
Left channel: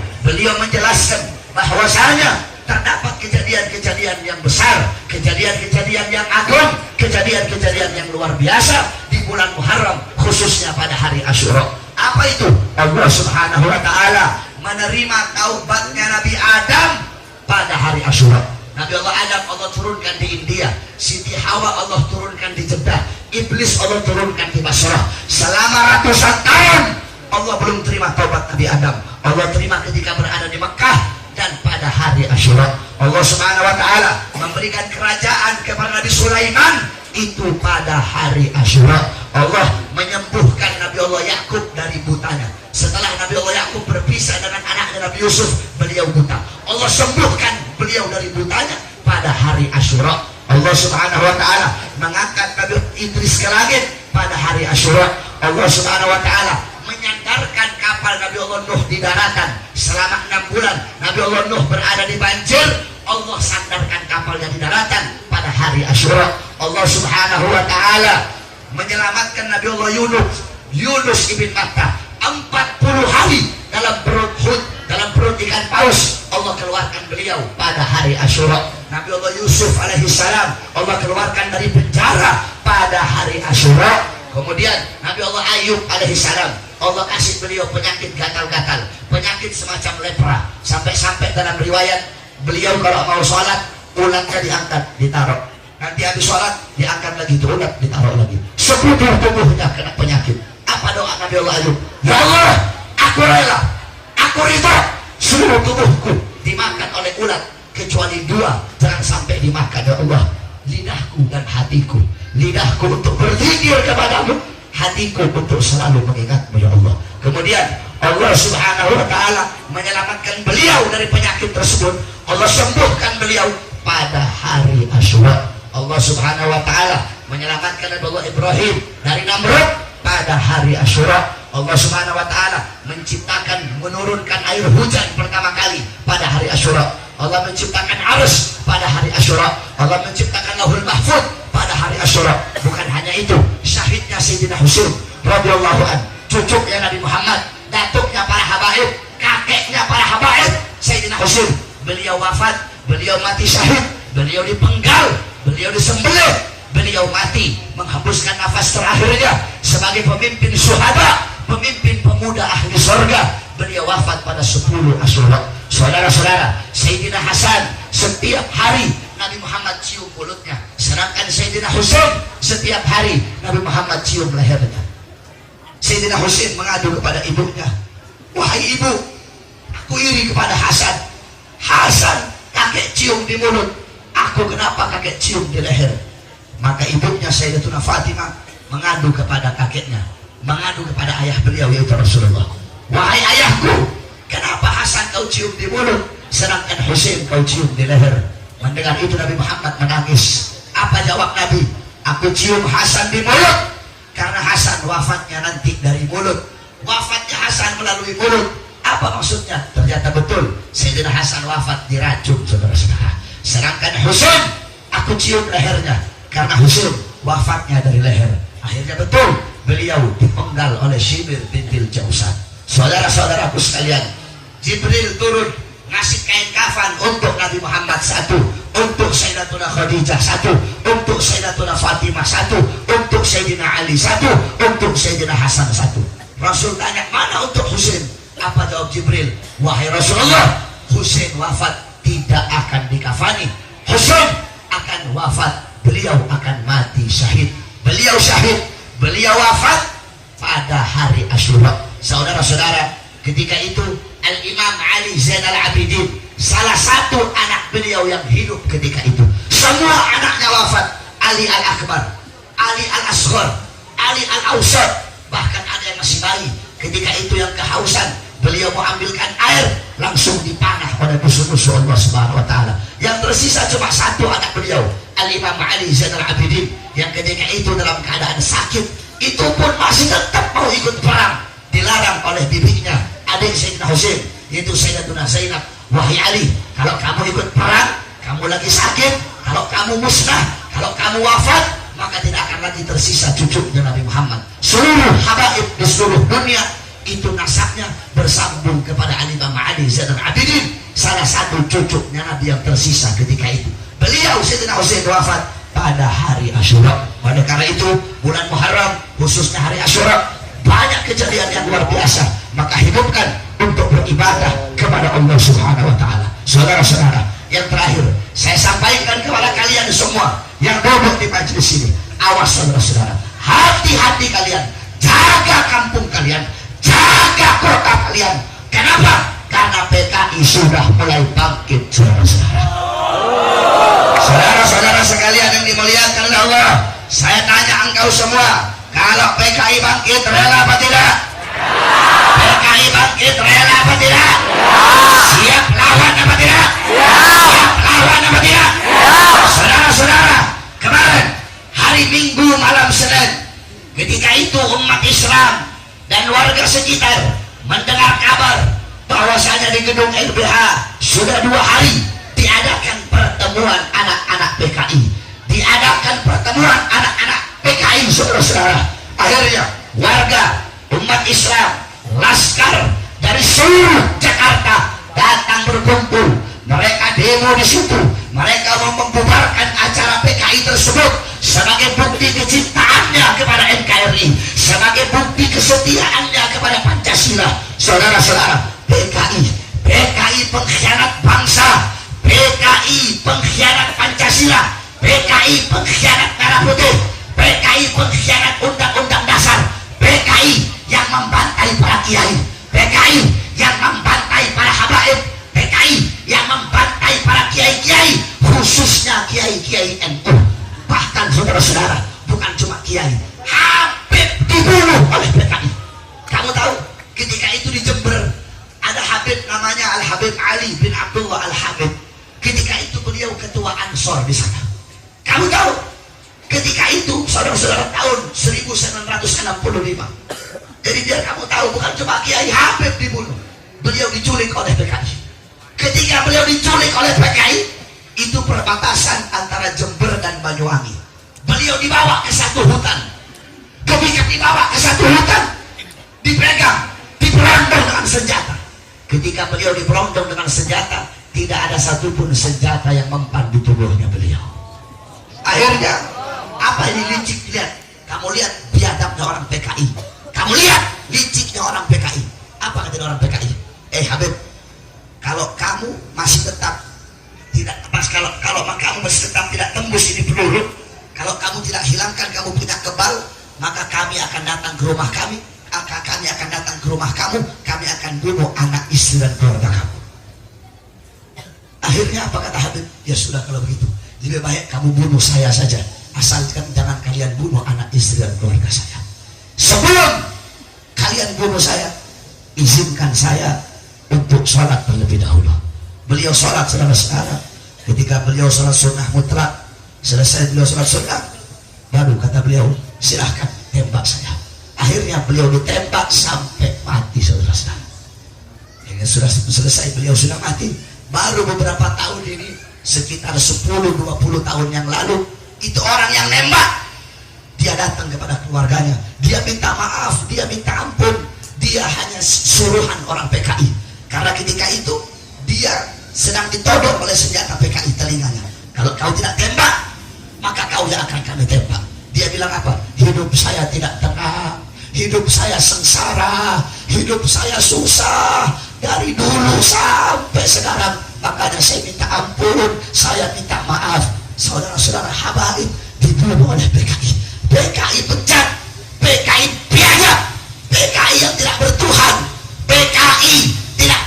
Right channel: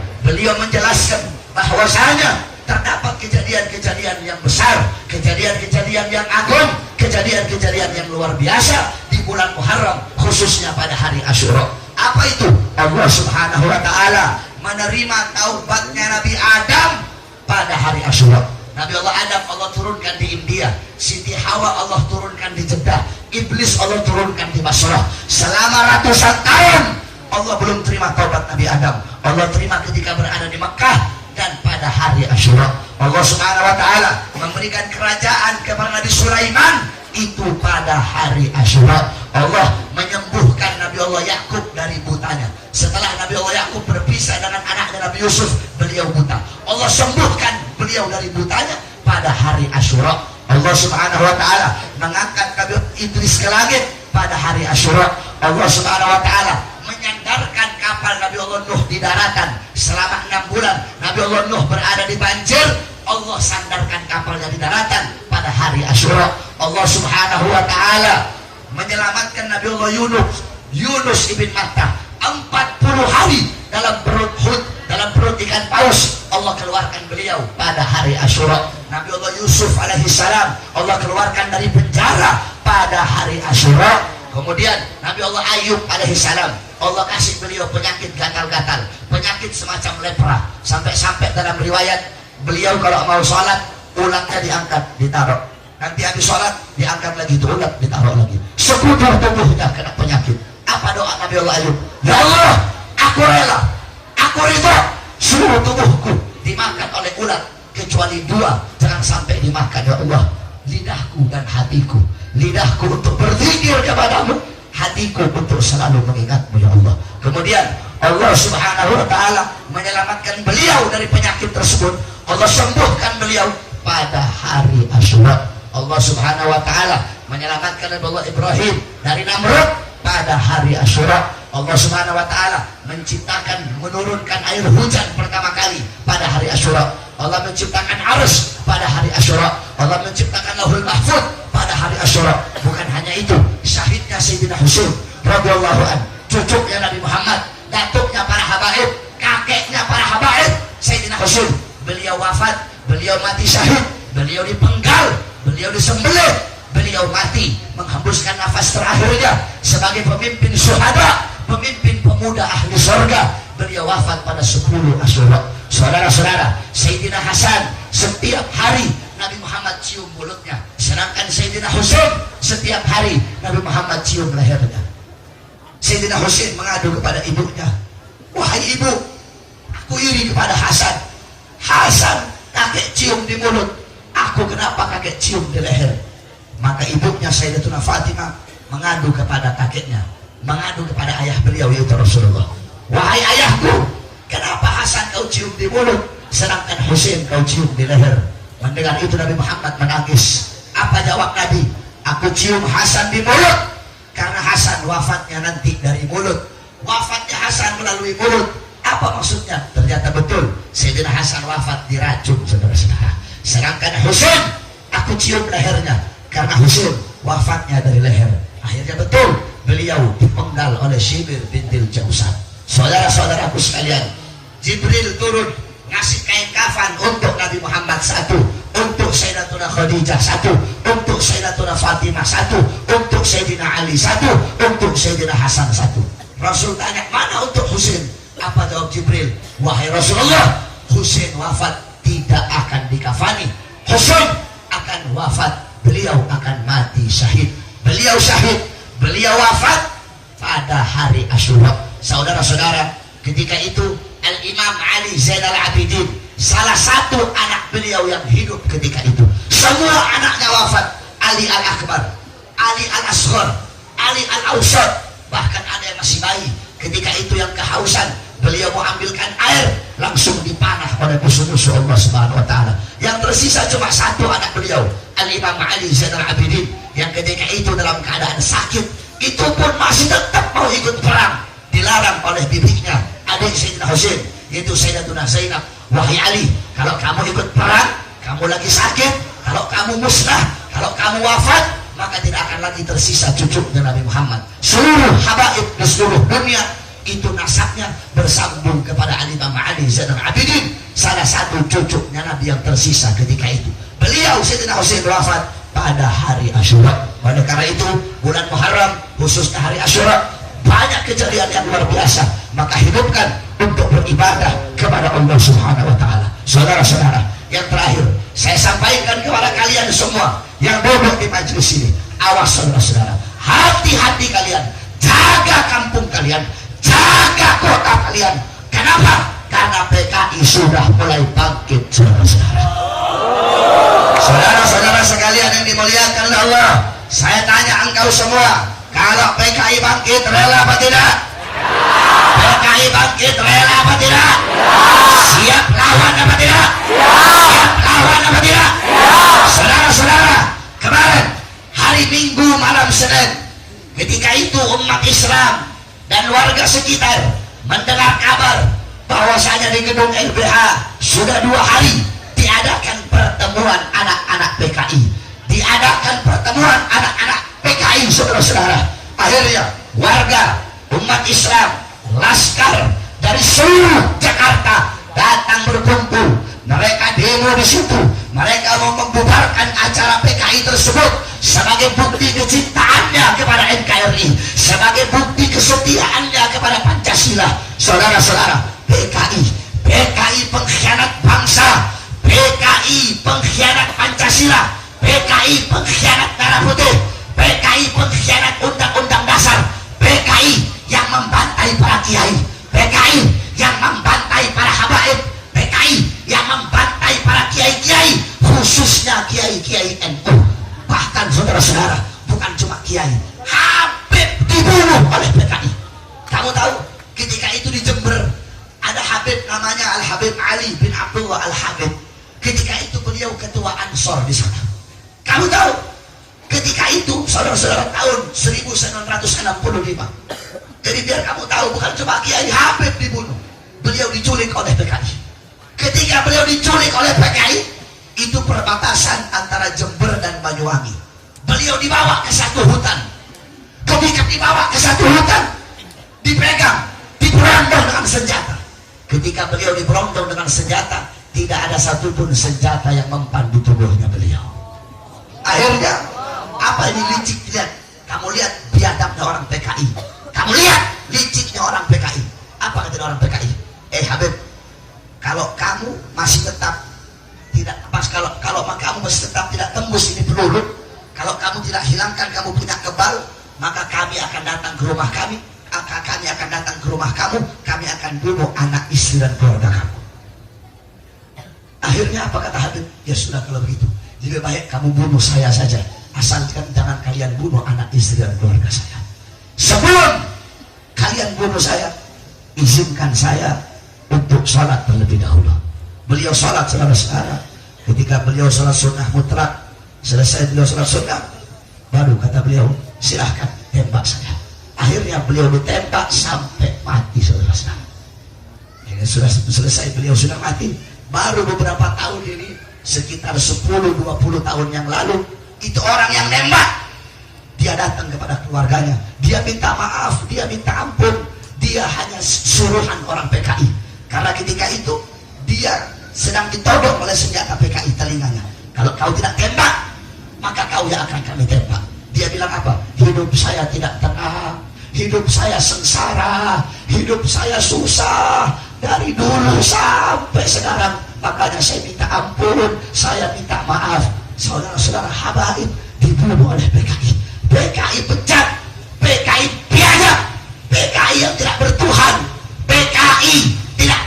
menjelaskan bahwasanya terdapat kejadian-kejadian yang besar, kejadian-kejadian yang agung, kejadian-kejadian yang luar biasa di bulan Muharram, khususnya pada hari Asyura. Apa itu? Allah Subhanahu wa taala menerima taubatnya Nabi Adam pada hari Asyura. Nabi Allah Adam Allah turunkan di India, Siti Hawa Allah turunkan di Jeddah, Iblis Allah turunkan di Basrah. Selama ratusan tahun Allah belum terima taubat Nabi Adam. Allah terima ketika berada di Mekah. Dan pada hari Asyura Allah Subhanahu wa taala memberikan kerajaan kepada Nabi Sulaiman itu pada hari Asyura. Allah menyembuhkan Nabi Allah Yakub dari butanya. Setelah Nabi Allah Yakub berpisah dengan anaknya Nabi Yusuf, beliau buta. Allah sembuhkan beliau dari butanya pada hari Asyura. Allah Subhanahu wa taala mengangkat Nabi Idris ke langit pada hari Asyura. Allah Subhanahu wa taala menyandarkan kapal Nabi Allah Nuh di daratan selama 6 bulan. Nabi Allah Nuh berada di banjir, Allah sandarkan kapalnya di daratan pada hari Asyura. Allah Subhanahu wa taala menyelamatkan Nabi Allah Yunus ibn Matta 40 hari dalam perut ikan paus. Allah keluarkan beliau pada hari Asyura. Nabi Allah Yusuf alaihi salam Allah keluarkan dari penjara pada hari Asyura. Kemudian Nabi Allah Ayub alaihi salam Allah kasih beliau penyakit gatal-gatal, penyakit semacam lepra, sampai-sampai dalam riwayat beliau kalau mau sholat ulangnya diangkat ditaruh, nanti habis sholat diangkat lagi, ulang ditaruh lagi, seluruh tubuhnya kena penyakit. Apa doa Nabi Allah Ayub? Ya Allah, aku rela, aku ridha seluruh tubuhku dimakan oleh ulat kecuali 2 jangan sampai dimakan. Ya Allah, lidahku dan hatiku, lidahku untuk berzikir kepadamu, hatiku untuk selalu mengingatmu ya Allah. Kemudian Allah Subhanahu wa taala menyelamatkan beliau dari penyakit tersebut. Allah sembuhkan beliau pada hari Asyura. Allah Subhanahu wa taala menyelamatkan Nabi Allah Ibrahim dari Namrud pada hari Asyura. Allah Subhanahu wa taala menurunkan air hujan pertama kali pada hari Asyura. Allah menciptakan Arsy pada hari Asyura. Allah menciptakan Lauhul Mahfuz pada hari Asyura. Bukan hanya itu, syahidnya Sayyidina Husain radhiyallahu an, cucunya Nabi Muhammad, datuknya para habaib, kakeknya para habaib, Sayyidina Husain, beliau wafat, beliau mati syahid, beliau dipenggal, beliau disembelih, beliau mati menghembuskan nafas terakhirnya sebagai pemimpin syuhada, pemimpin pemuda ahli surga. Beliau wafat pada 10 Asyura. Saudara-saudara, Sayyidina Hasan setiap hari Nabi Muhammad cium mulutnya, sedangkan Sayyidina Husain setiap hari Nabi Muhammad cium lehernya. Sayyidina Husain mengadu kepada ibunya, wahai ibu, aku iri kepada Hasan. Hasan kakek cium di mulut, aku kenapa kakek cium di leher? Maka ibunya Sayyidatuna Fatimah mengadu kepada kakeknya, mengadu kepada ayah beliau yaitu Rasulullah. Wahai ayahku, kenapa Hasan kau cium di mulut, sedangkan Husain kau cium di leher? Mendengar itu Nabi Muhammad menangis. Apa jawab Nabi? Aku cium Hasan di mulut karena Hasan wafatnya nanti dari mulut. Wafatnya Hasan melalui mulut. Apa maksudnya? Ternyata betul, Sayyidina Hasan wafat diracun, saudara-saudara. Sedangkan Husain aku cium lehernya karena Husain wafatnya dari leher. Akhirnya betul, beliau dipenggal oleh Shibir bintil Jausan. Saudara-saudaraku sekalian, Jibril turun ngasih kain kafan untuk Nabi Muhammad 1, untuk Sayyidatuna Khadijah 1, untuk Sayyidatuna Fatimah 1, untuk Sayyidina Ali 1, untuk Sayyidina Hasan 1. Rasul tanya, mana untuk Husain? Apa jawab Jibril? Wahai Rasulullah, Husain wafat tidak akan dikafani. Husain akan wafat, beliau akan mati syahid. Beliau syahid, beliau wafat pada hari Asyura. Saudara-saudara, ketika itu Al-Imam Ali Zainal Abidin, salah satu anak beliau yang hidup ketika itu. Semua anaknya wafat. Ali Al-Akbar, Ali Al-Asghar, Ali Al-Awsat, bahkan ada yang masih bayi. Ketika itu yang kehausan, beliau mau ambilkan air, langsung dipanah oleh musuh-musuh Allah Subhanahu wa taala. Yang tersisa cuma satu anak beliau, Al-Imam Ali Zainal Abidin, yang ketika itu dalam keadaan sakit, itu pun masih tetap mau ikut perang. Dilarang oleh bibinya, adik Sayyidina Husain, yaitu Sayyidatuna Zainab. Wahai Ali, kalau kamu ikut perang, kamu lagi sakit, kalau kamu musnah, kalau kamu wafat, maka tidak akan lagi tersisa cucunya Nabi Muhammad. Seluruh habaib di seluruh dunia itu nasabnya bersambung kepada Al-Imam Ali Zainal Abidin, salah satu cucunya Nabi yang tersisa ketika itu. Beliau Sayyidina Husain wafat pada hari Asyura. Oleh karena itu bulan Muharram, khususnya hari Asyura, banyak kejadian yang luar biasa. Maka hidupkan untuk beribadah kepada Allah Subhanahu wa taala. Saudara-saudara, yang terakhir saya sampaikan kepada kalian semua yang duduk di majelis ini, awas saudara-saudara, hati-hati kalian, jaga kampung kalian, jaga kota kalian. Kenapa? Karena PKI sudah mulai bangkit, saudara-saudara. Saudara-saudara sekalian yang dimuliakan Allah, saya tanya engkau semua, kalau PKI bangkit rela apa tidak? PKI bangkit rela apa tidak? Siap lawan apa tidak? Siap lawan apa tidak? Saudara-saudara, kemarin hari Minggu malam Senin, ketika itu umat Islam dan warga sekitar mendengar kabar bahwasanya di gedung LBH sudah 2 hari diadakan pertemuan anak-anak PKI, diadakan pertemuan anak-anak PKI, saudara-saudara. Akhirnya warga, umat Islam, laskar dari seluruh Jakarta datang berkumpul. Mereka demo di situ. Mereka mau membubarkan acara PKI tersebut sebagai bukti kecintaannya kepada NKRI, sebagai bukti kesetiaannya kepada Pancasila. Saudara-saudara, PKI pengkhianat bangsa, PKI pengkhianat Pancasila, PKI pengkhianat merah putih, PKI pengkhianat undang-undang dasar, PKI yang membantai para kiai, PKI yang membantai para habaib, PKI yang membantai para kiai-kiai, khususnya kiai-kiai NU. Bahkan saudara-saudara, bukan cuma kiai, Habib dibunuh oleh PKI. Kamu tahu ketika itu di Jember ada Habib namanya Al-Habib Ali bin Abdullah Al-Habib. Ketika itu beliau ketua Ansor di sana. Kamu tahu ketika itu saudara-saudara tahun 1965. Jadi biar kamu tahu, bukan cuma Kiai Habib dibunuh, beliau diculik oleh PKI. Ketika beliau diculik oleh PKI, itu perbatasan antara Jember dan Banyuwangi. Beliau dibawa ke satu hutan. Ketika dibawa ke satu hutan, dipegang, diberondong dengan senjata. Ketika beliau diberondong dengan senjata, tidak ada satupun senjata yang mempan di tubuhnya beliau. Akhirnya, apa ini licik lihat? Kamu lihat biadabnya orang PKI. Kamu lihat liciknya orang PKI. Apa kata orang PKI? Habib, kalau kamu masih tetap tidak pas, kalau kamu masih tetap tidak tembus ini peluru, kalau kamu tidak hilangkan, kamu pindah kebal, maka kami akan datang ke rumah kami akan datang ke rumah kamu, kami akan bunuh anak, istri dan keluarga kamu. Akhirnya apa kata Habib? Ya sudah, kalau begitu lebih baik kamu bunuh saya saja, asalkan jangan kalian bunuh anak, istri dan keluarga saya. Sebelum kalian bunuh saya, izinkan saya untuk sholat terlebih dahulu. Beliau sholat, saudara-saudara. Ketika beliau sholat sunnah mutlak, selesai beliau sholat sunnah, baru kata beliau, silahkan tembak saya. Akhirnya beliau ditembak sampai mati, saudara-saudara. Ini sudah selesai, beliau sudah mati. Baru beberapa tahun ini, sekitar 10-20 tahun yang lalu, itu orang yang nembak, dia datang kepada keluarganya, dia minta maaf, dia minta ampun, dia hanya suruhan orang PKI. Karena ketika itu dia sedang ditodong oleh senjata PKI telinganya. Kalau kau tidak tembak, maka kau yang akan kami tembak. Dia bilang apa? Hidup saya tidak tenang, hidup saya sengsara, hidup saya susah dari dulu sampai sekarang. Makanya saya minta ampun, saya minta maaf. Saudara-saudara habaib dibunuh oleh PKI. PKI pecat, PKI biadab, PKI yang tidak bertuhan, PKI tidak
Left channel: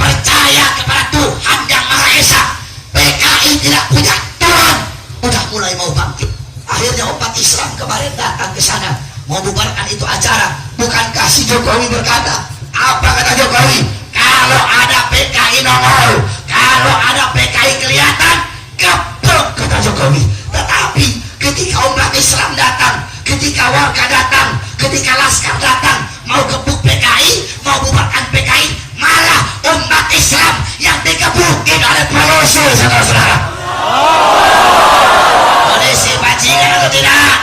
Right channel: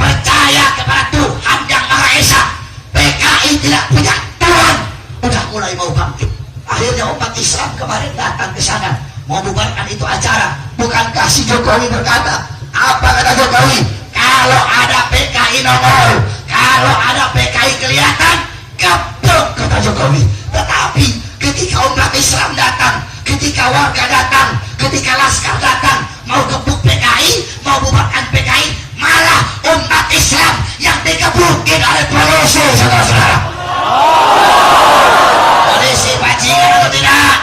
Akhirnya umat Islam kemarin datang ke sana mau bubarkan itu acara. Bukankah si Jokowi berkata, apa kata Jokowi? Kalau ada PKI nongol, kalau ada PKI kelihatan, geblok kata Jokowi. Tetapi ketika umat Islam datang, ketika warga datang, ketika laskar datang, mau gebuk PKI, mau bubarkan PKI, malah umat Islam yang dikebukin oleh polisi, saudara-saudara. Polisi bajingan atau tidak?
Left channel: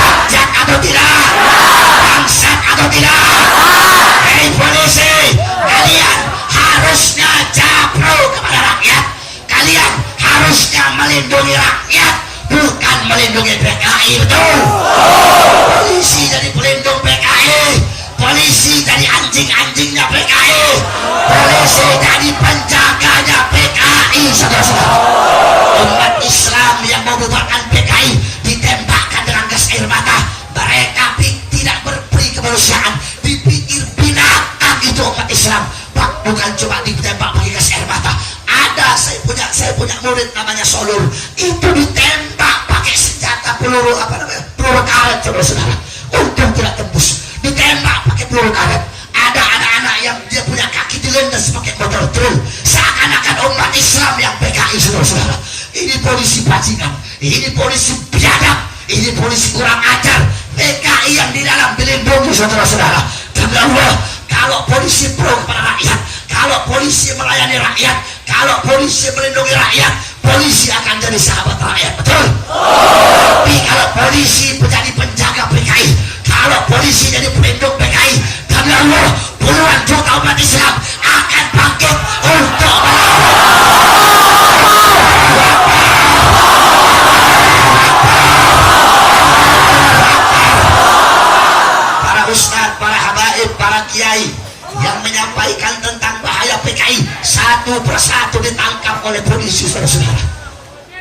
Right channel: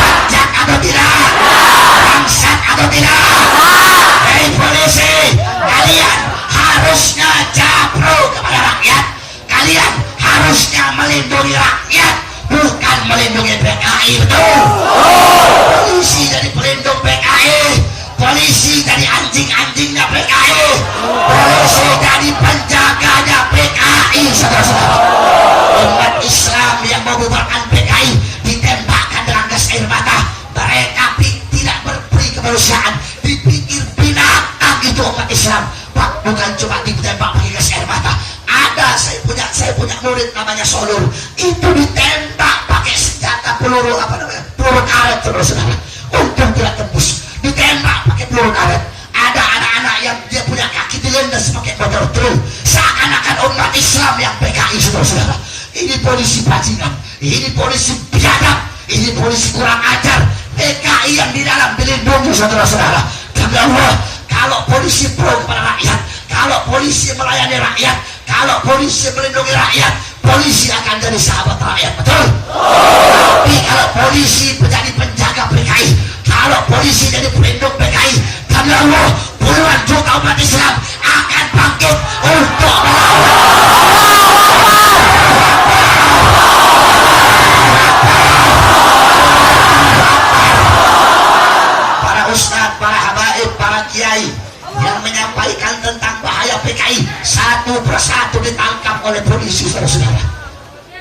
Bajak atau tidak? Bangsat atau tidak? Hei polisi, kalian harusnya japro kepada rakyat. Kalian harusnya melindungi rakyat, bukan melindungi PKI, betul? Polisi jadi pelindung PKI, polisi jadi anjing-anjingnya PKI, polisi jadi penjaganya PKI, saudara-saudara. Umat Islam yang mau bubarkan PKI ditembakkan dengan gas air mata. Mereka tidak berperi kemanusiaan, dipikir binatang itu umat Islam. Pak, bukan cuma ditembak pakai gas air mata. Ada saya punya murid namanya Solur, itu ditembak pakai senjata peluru peluru karet, saudara-saudara. Untung tidak tembus. Ditembak pakai peluru karet. Ada anak-anak yang dia punya kaki dilindas pakai motor truk. Seakan-akan umat Islam yang PKI, saudara-saudara. Ini polisi bajingan, ini polisi biadab, ini polisi kurang ajar. PKI yang di dalam dilindungi, saudara-saudara. Demi Allah, kalau polisi pro kepada rakyat, kalau polisi melayani rakyat, kalau polisi melindungi rakyat, polisi akan jadi sahabat rakyat, betul? Tapi kalau polisi menjadi penjaga PKI, kalau polisi jadi pelindung PKI, demi Allah, puluhan juta umat Islam akan bangkit untuk para ustaz, para habaib, para kiai yang menyampaikan tentang bahaya PKI satu persatu ditangkap oleh polisi, saudara-saudara.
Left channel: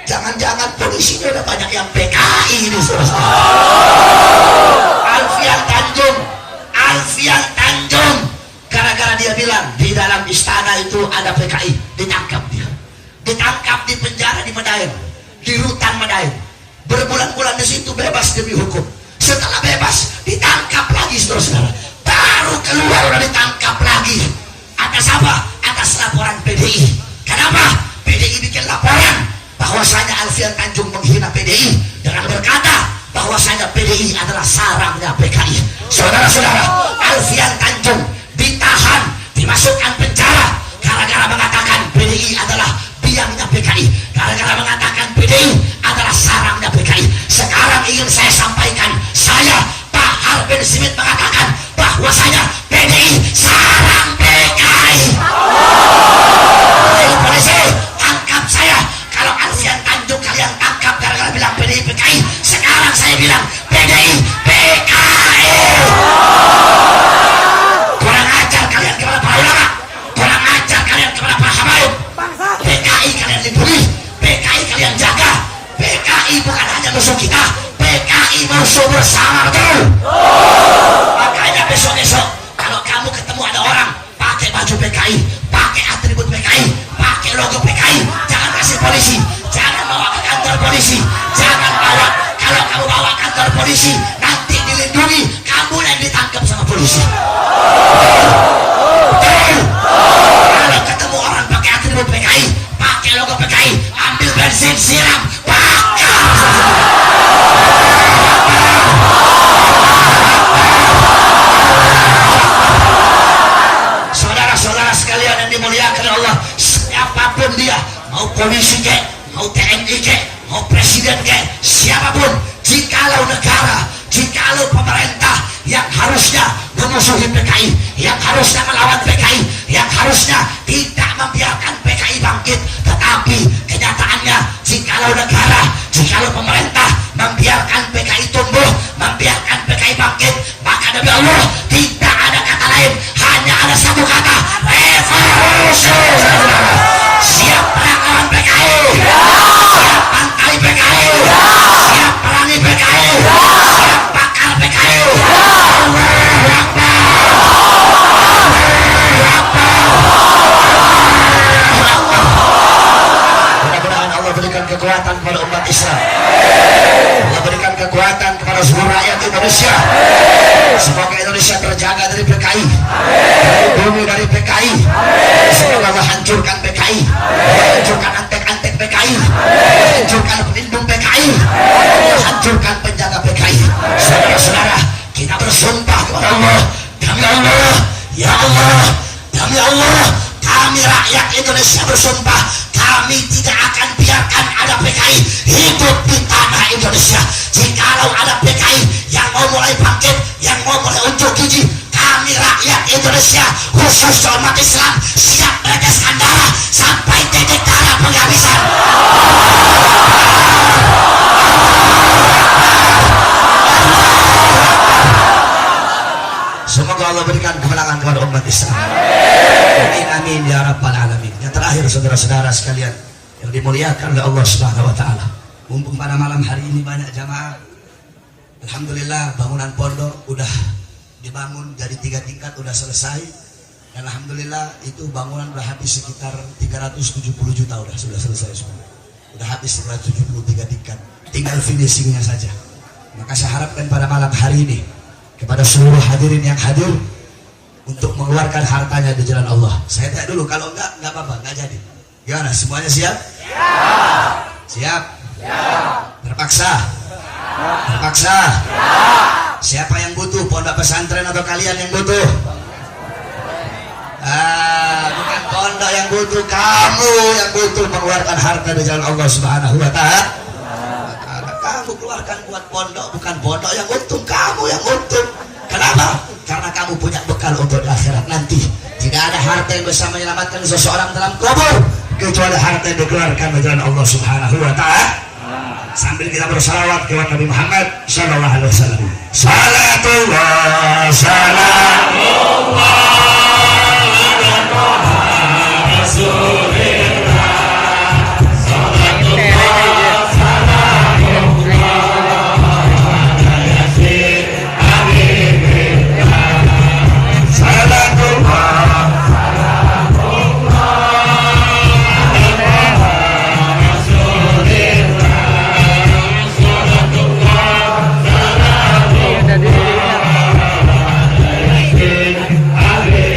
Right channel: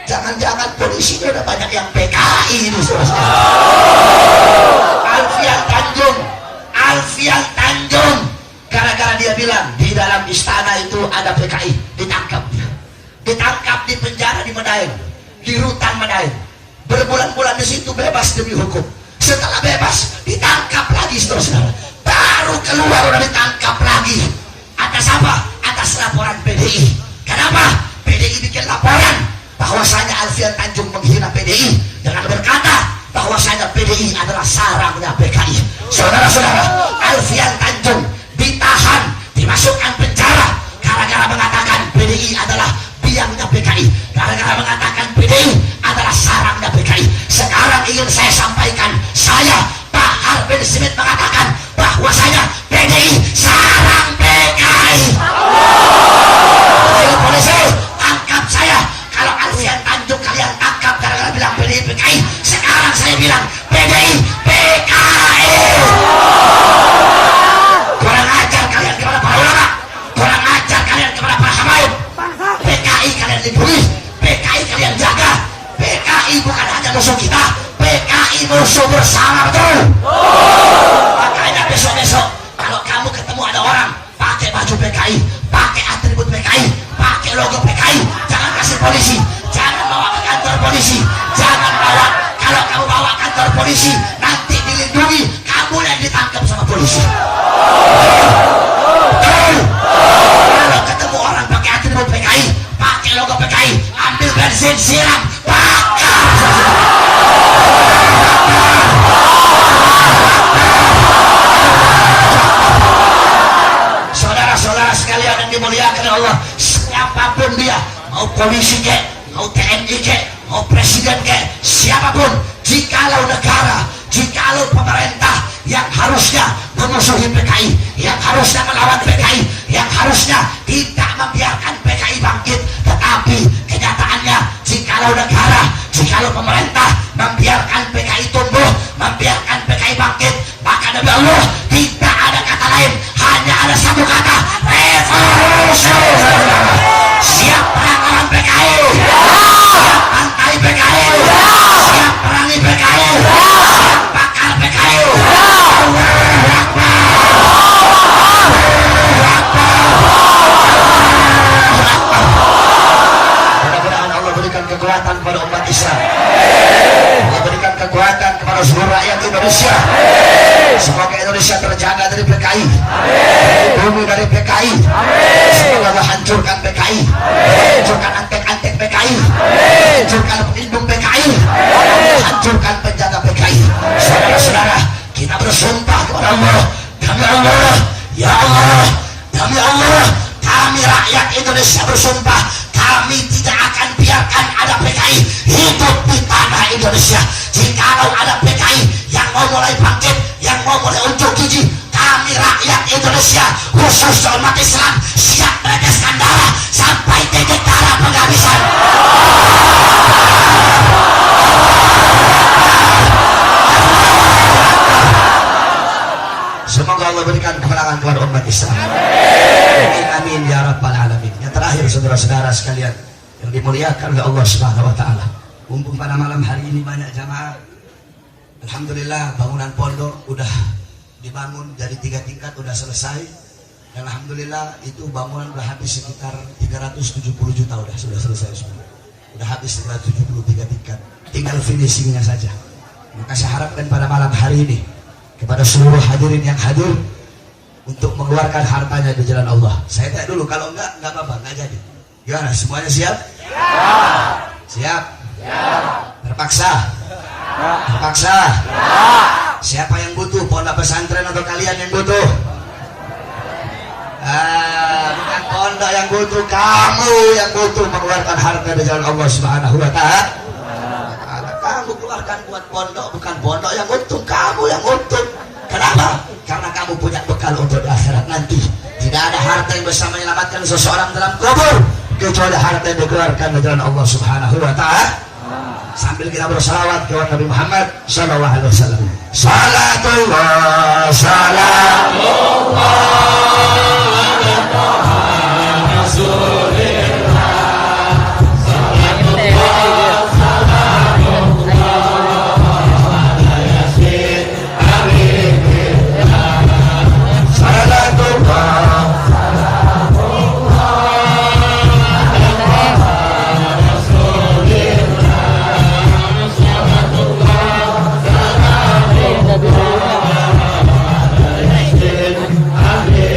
Jangan-jangan polisinya udah banyak yang PKI ini, saudara-saudara. Alfian Tanjung gara-gara dia bilang di dalam istana itu ada PKI, ditangkap di penjara di Medaeng, di rutan Medaeng, berbulan-bulan di situ bebas demi hukum. Setelah bebas ditangkap lagi, saudara-saudara. Baru keluar udah ditangkap lagi. Atas apa? Atas laporan PDI. Kenapa? PDI bikin laporan bahwasanya Alfian Tanjung menghina PDI dengan berkata bahwasanya PDI adalah sarangnya PKI. Saudara-saudara, Alfian Tanjung ditahan, dimasukkan penjara gara-gara mengatakan PDI adalah biangnya PKI, gara-gara mengatakan PDI adalah sarangnya PKI. Sekarang ingin saya sampaikan, saya Pak Harbin Simit mengatakan bahwasanya PDI sarang PKI. Ayo polisi, tangkap saya. Kalau Alfian Tanjung kalian tangkap gara-gara bilang PDI PKI, sekarang saya bilang PDI PKI. Kurang ajar kalian kepada para ulama, kurang ajar kalian kepada para habaib. PKI kalian lindungi, PKI kalian jaga. PKI bukan hanya musuh kita, PKI musuh bersama, betul? Makanya besok-besok kalau kamu ketemu ada orang pakai baju PKI, pakai atribut PKI, pakai logo PKI, jangan kasih polisi, jangan bawa ke kantor polisi, jangan bawa. Kalau kamu bawa kantor polisi, nanti dilindungi, kamu yang ditangkap sama polisi. Betul? Kalau ketemu orang pakai atribut PKI, pakai logo PKI, ambil bensin, siram, bakar. Saudara-saudara sekalian yang dimuliakan Allah, siapapun dia, mau polisi kek, mau TNI kek, mau presiden kek, siapapun, jikalau negara, jikalau pemerintah yang harusnya memusuhi PKI, yang harusnya melawan PKI, yang harusnya tidak membiarkan PKI bangkit, tetapi kenyataannya jikalau negara, jikalau pemerintah membiarkan PKI tumbuh, membiarkan PKI bangkit, maka demi Allah tidak ada kata lain, hanya ada satu kata, revolusi. Siap perang lawan PKI, siap pantai PKI, siap perangi PKI, siap bakar PKI. Mudah-mudahan Allah berikan kekuatan kepada umat Islam. Indonesia. Semoga Indonesia terjaga dari PKI, bumi dari PKI. Semoga Allah hancurkan PKI, hancurkan antek-antek PKI, hancurkan pelindung PKI, hancurkan penjaga PKI. Saudara-saudara, kita bersumpah kepada Allah, demi Allah, ya Allah, demi Allah, kami rakyat Indonesia bersumpah, kami tidak akan biarkan ada PKI hidup di tanah Indonesia. Jikalau ada PKI yang mau mulai bangkit, yang mau mulai unjuk gigi, kami rakyat Indonesia, khusus umat Islam, siap meneteskan darah sampai titik darah penghabisan. Semoga Allah berikan kemenangan kepada umat Islam. Amin, amin ya rabbal alamin. Yang terakhir, saudara-saudara sekalian yang dimuliakan oleh Allah Subhanahu wa taala, mumpung pada malam hari ini banyak jamaah, alhamdulillah bangunan pondok udah dibangun jadi 3 tingkat, udah selesai. Dan alhamdulillah itu bangunan udah habis sekitar 370 juta, sudah selesai semua. Udah habis 173 tingkat, tinggal finishingnya saja. Maka saya harapkan pada malam hari ini kepada seluruh hadirin yang hadir untuk mengeluarkan hartanya di jalan Allah. Saya tanya dulu, kalau enggak apa-apa, enggak jadi. Gimana, semuanya siap? Siap? Terpaksa? Terpaksa? Siapa yang butuh? Pondok pesantren atau kalian yang butuh? Bukan pondok yang butuh, kamu yang butuh mengeluarkan harta di jalan Allah Subhanahu wa taala. Kamu keluarkan buat pondok, bukan pondok yang untung, kamu yang untung. Kenapa? Karena kamu punya bekal untuk di akhirat nanti. Tidak ada harta yang bisa menyelamatkan seseorang dalam kubur kecuali harta yang dikeluarkan di jalan Allah Subhanahu wa taala. Sambil kita bersalawat kepada Nabi Muhammad sallallahu alaihi wasallam. Salatullah salamullah Amin.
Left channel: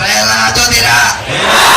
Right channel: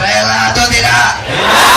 rela atau tidak?